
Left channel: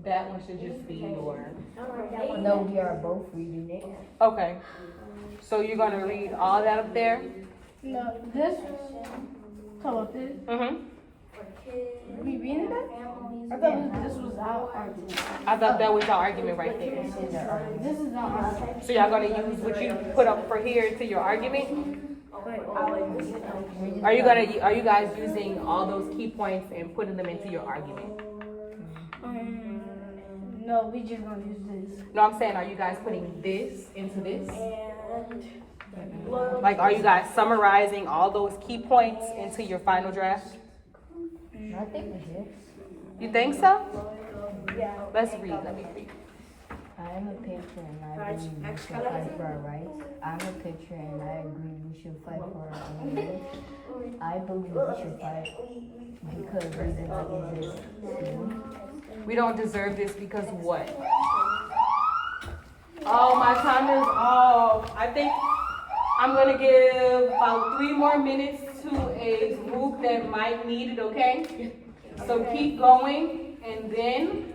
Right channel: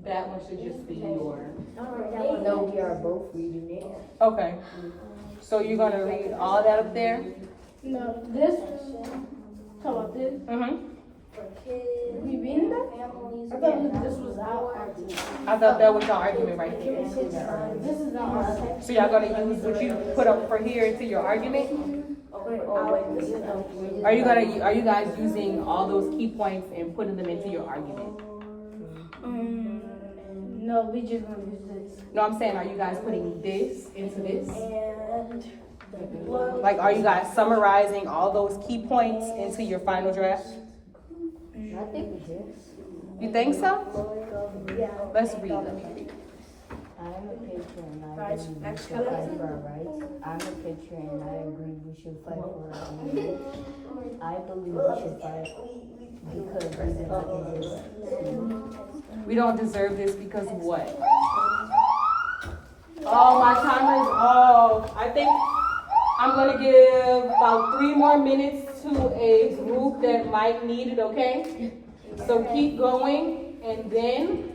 that one should just be your. No, we are both reading it. Okay. So you're gonna read all that up there? No, this, talk about this. We reading that? I thought this was our argument. I thought that was your argument right there. This is not our. So y'all gonna use what you put up for here to your argument? Are you guys using all those key points and putting them into your argument? No, we just gonna use this. No, I'm saying, are you guys putting this into this? Like, are you guys summarizing all those key points into your final draft? I think we did. You think so? Yeah. Let's read them. I'm a patriot and I agree we should fight for our rights. I'm a patriot and I agree we should fight for our own rights. I believe we should fight because we don't deserve it. We don't deserve this because what? Oh, my timer is off. I think I'm gonna give about 3 more minutes to a group that might need it, okay? So keep going and then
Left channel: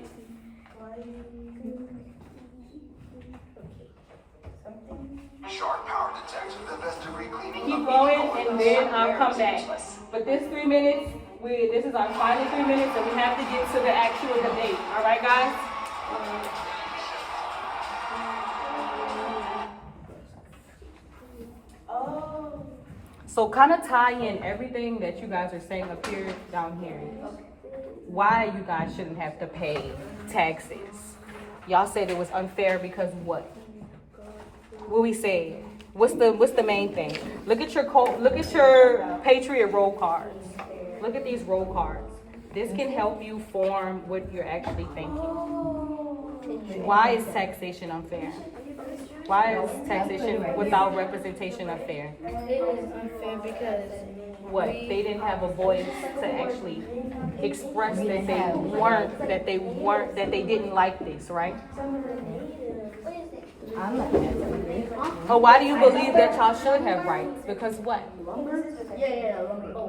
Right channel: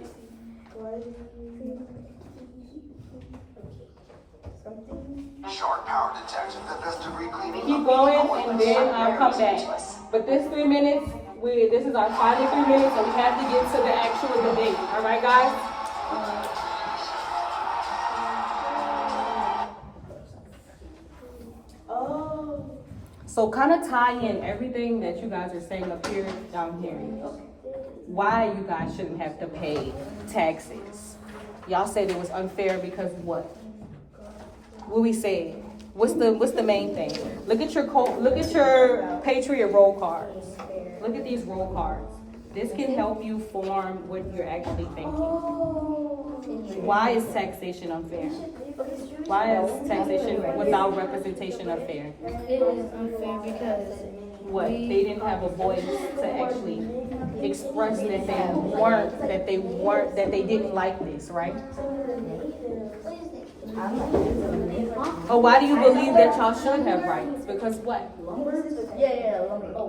Sharp power detection, the best debris cleaning. keep going and then I'll come back. But this 3 minutes, this is our final 3 minutes, so we have to get to the actual debate. All right, guys? So kind of tie in everything that you guys are saying up here, down here. Why you guys shouldn't have to pay taxes. Y'all said it was unfair because what? What we say? What's the main thing? Look at your Patriot roll cards. Look at these roll cards. This can help you form what you're actually thinking. Why is taxation unfair? Why is taxation without representation unfair? It is unfair because What? They didn't have a voice to actually express that they didn't like this, right? But why do you believe that y'all should have rights? Because what?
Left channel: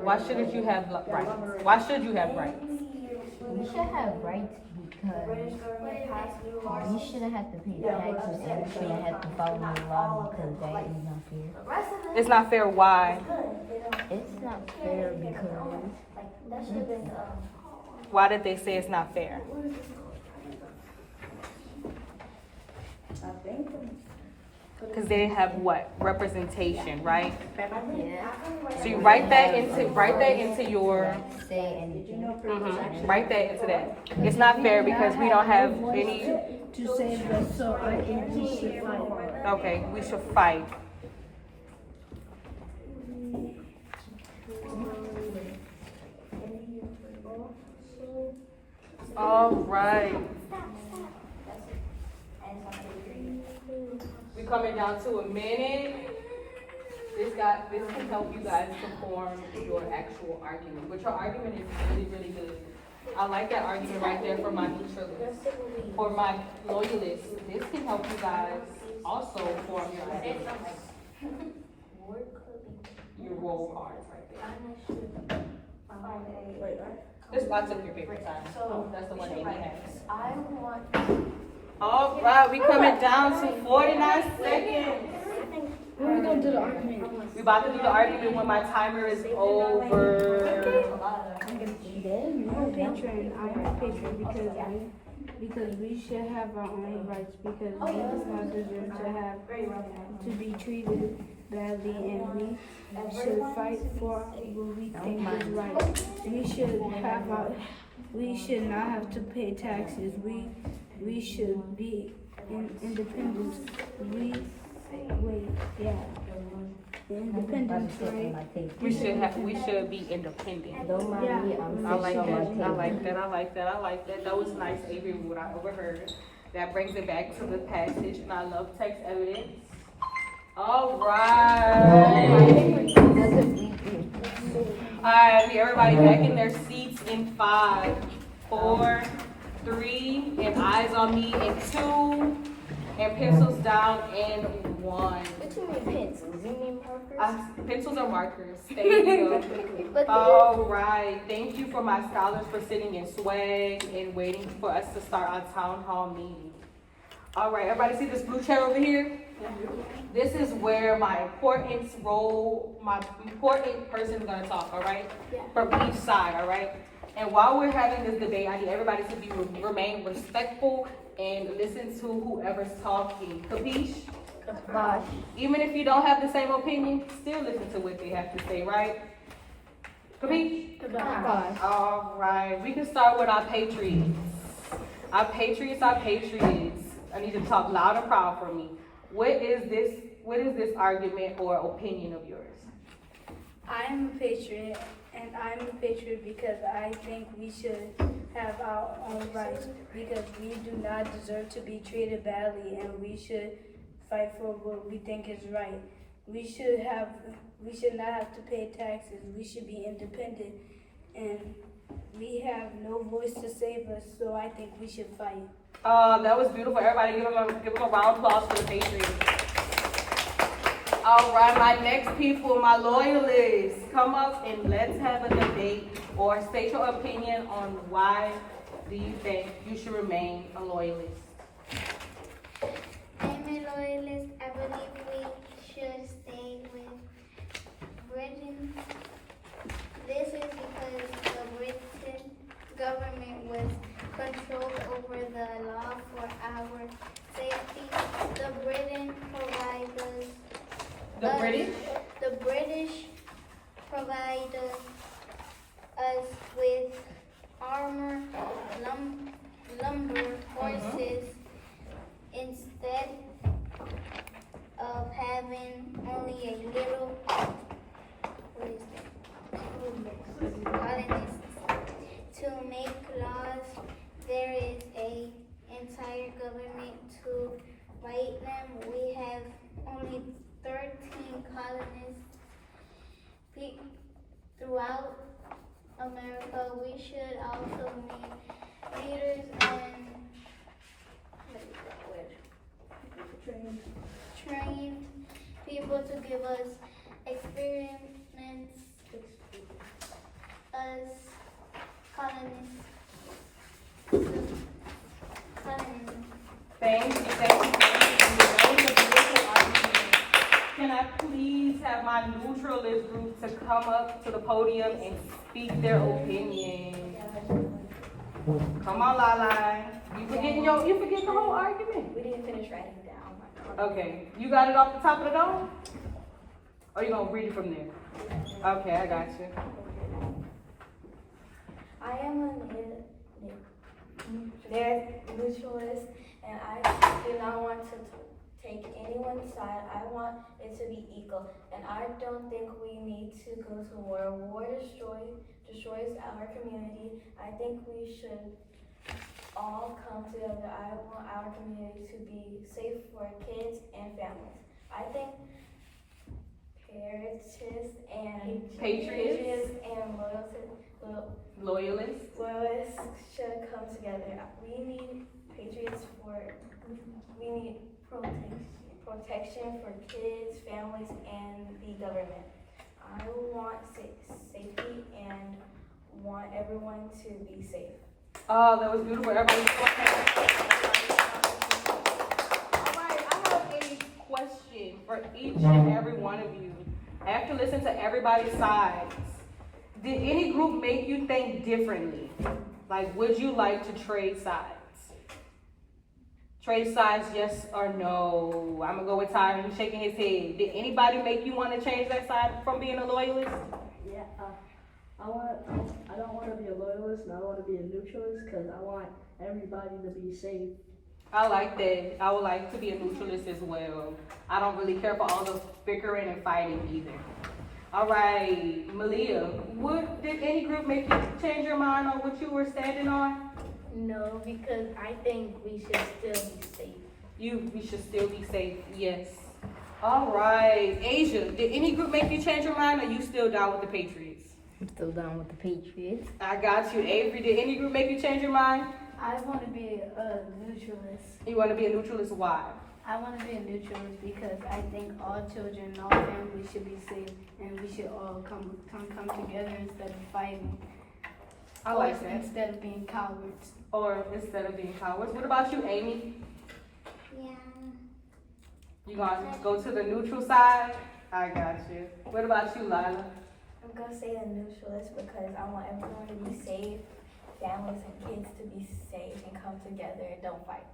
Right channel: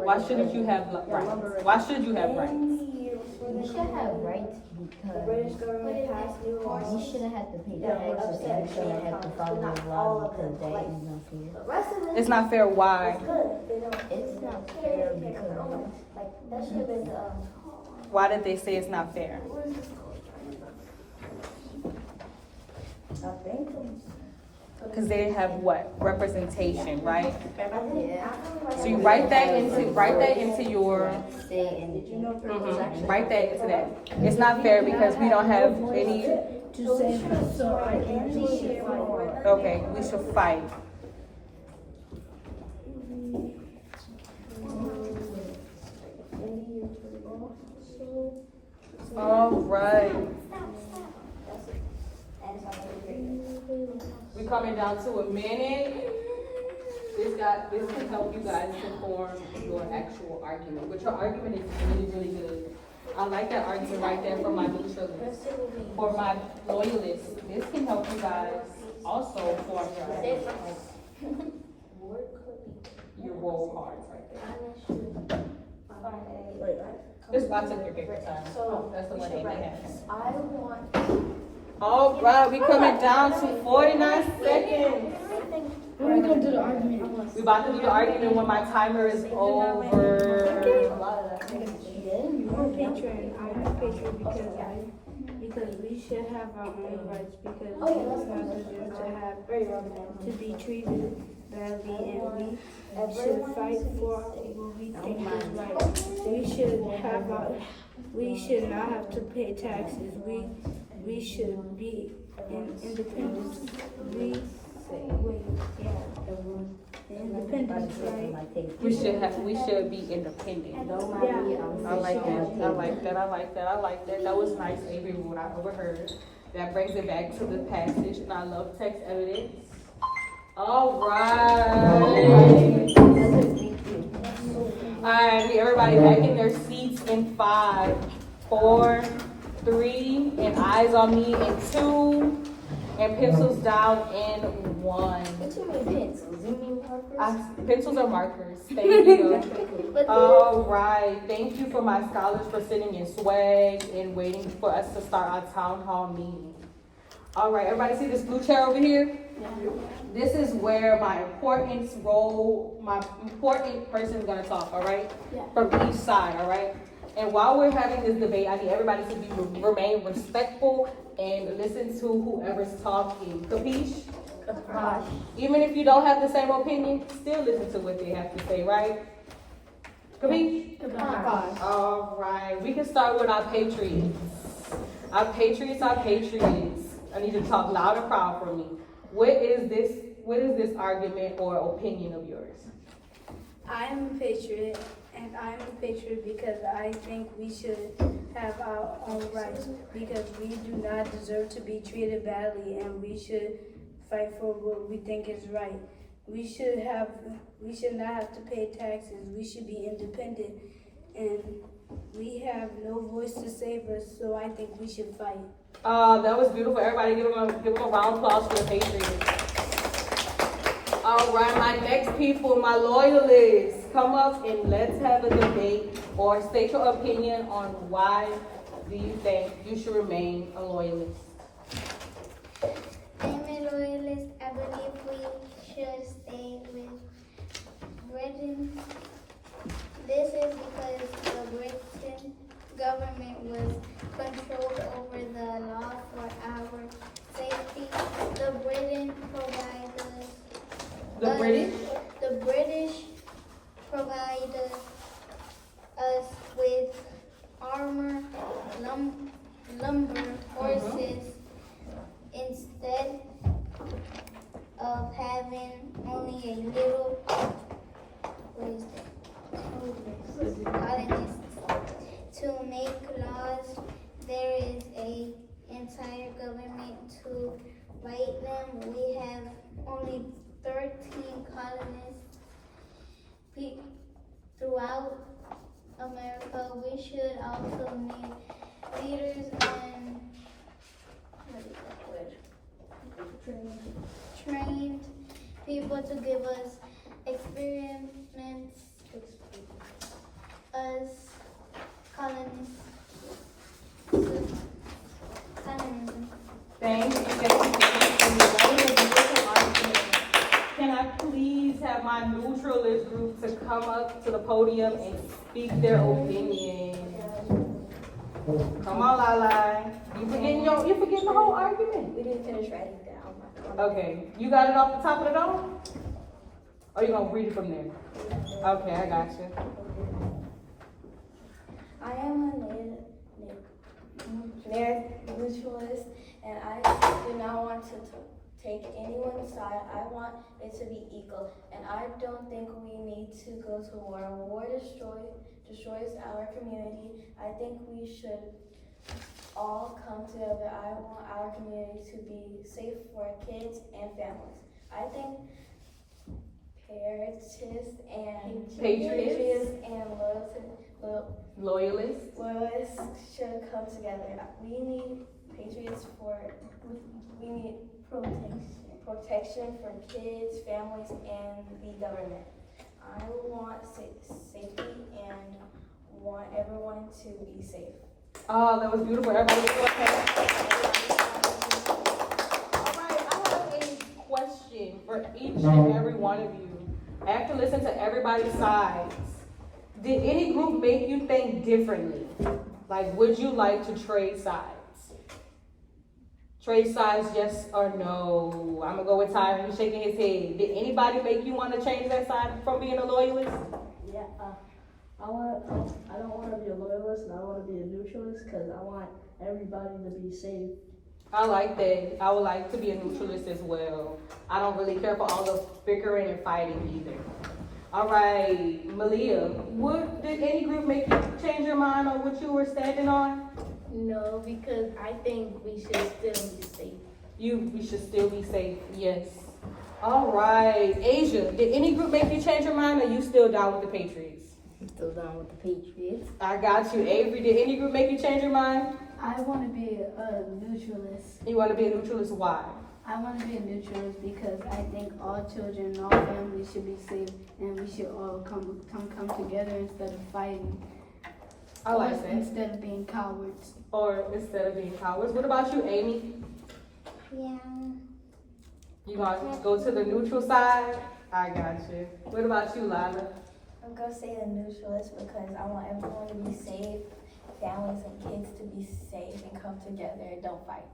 Why shouldn't you have rights? Why should you have rights? We should have rights because we shouldn't have to pay taxes and we shouldn't have to follow the law because that is unfair. It's not fair. Why? It's not fair because Why did they say it's not fair? Because they didn't have what? Representation, right? So you write that into your write that into that. It's not fair because we don't have any. to save us, so I think we should fight. Okay, we should fight. All right. We're coming down to a minute. This can help you guys to form your actual argument. But your argument is really, really good. I like that argument right there for my neutralists. For my loyalists, this can help you guys also form your argument. Your roll cards right there. This box of your paper time. That's the one Amy has. All right, we coming down to 49 seconds. We're gonna do the argument. We about to do the argument when my timer is over. I'm Patriot because we should have our own rights because we do not deserve to be treated badly and we should fight for what we think is right. We should not have to pay taxes. We should be independent. Independence, right? We should be independent. I like that. That was nice, Avery, what I overheard. That brings it back to the passage, and I love text evidence. All right. Alright, everybody back in their seats in 5, 4, 3, and eyes on me in 2, and pencils down in 1. Pencils or markers. Thank you. Alright, thank you for my scholars for sitting in swag and waiting for us to start our town hall meeting. Alright, everybody see this blue chair over here? This is where my important person is gonna talk, alright? From each side, alright? And while we're having this debate, I need everybody to remain respectful and listen to whoever's talking. Capiche? Even if you don't have the same opinion, still listen to what they have to say, right? Capiche? Alright, we can start with our patriots. Our patriots. I need to talk loud and proud for me. What is this argument or opinion of yours? I am a patriot, and I'm a patriot because I think we should have our own rights because we do not deserve to be treated badly, and we should fight for what we think is right. We should not have to pay taxes. We should be independent, and we have no voice to save us, so I think we should fight. That was beautiful. Everybody give them a round of applause for the Patriots. All right, my next people, my loyalists, come up and let's have a debate or state your opinion on why do you think you should remain a loyalist. I'm a loyalist. I believe we should stay with Britain. This is because the Britain government was controlled over the law for our safety. The British provide us with armor, lumber, horses, instead of make laws. There is a entire government to write them. We have only 13 colonists throughout America. We should also make leaders and trained people to give us experiments as colonists. Thank you. That was a beautiful argument. Can I please have my neutralist group to come up to the podium and speak their opinion? Come on, Lala. You forgetting the whole argument? We didn't finish writing down. Okay, you got it off the top of the dome? Or you gonna read it from there? Okay, I got you. I am a neutralist, and I do not want to take anyone's side. I want it to be equal, and I don't think we need to go to war. War destroys our community. I think we should all come together. I want our community to be safe for kids and families. I think patriots and loyalists should come together. We need patriots we need protection for kids, families, and the government. I want safety and want everyone to be safe. Oh, that was beautiful. Everybody was doing that. All right, I have a question for each and every one of you. After listening to everybody's sides, did any group make you think differently? Like, would you like to trade sides? Trade sides, yes or no? I'm gonna go with Tyron. He's shaking his head. Did anybody make you want to change that side from being a loyalist? Yeah, I don't want to be a loyalist, and I want to be a neutralist because I want everybody to be safe. I like that. I would like to be a neutralist as well. I don't really care for all the bickering and fighting either. All right, Malia, did any group make you change your mind on what you were standing on? No, because I think we should still be safe. We should still be safe, yes. All right, Asia, did any group make you change your mind, or you still down with the Patriots? I'm still down with the Patriots. I got you. Avery, did any group make you change your mind? I want to be a neutralist. You want to be a neutralist, why? I want to be a neutralist because I think all children, all families should be safe, and we should all come together instead of fighting. I like that. Instead of being cowards. Or instead of being cowards. What about you, Amy? Yeah. You gonna go to the neutral side? I got you. What about you, Lila? I'm gonna say a neutralist because I want everyone to be safe, families and kids to be safe and come together and don't fight.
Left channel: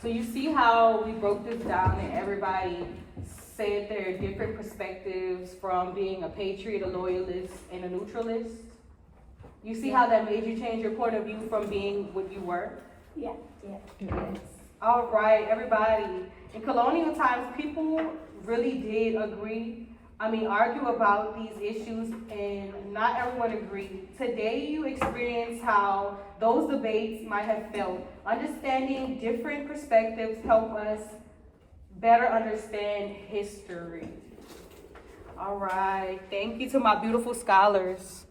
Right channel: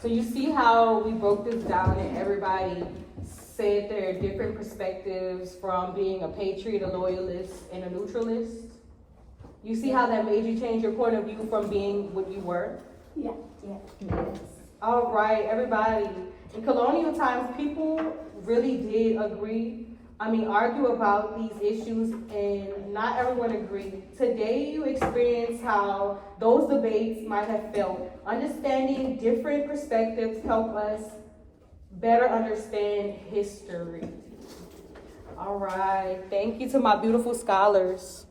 So you see how we broke this down and everybody said their different perspectives from being a patriot, a loyalist, and a neutralist? You see how that made you change your point of view from being what you were? Yeah. Yes. All right, everybody. In colonial times, people really did argue about these issues, and not everyone agreed. Today, you experience how those debates might have felt. Understanding different perspectives help us better understand history. All right, thank you to my beautiful scholars.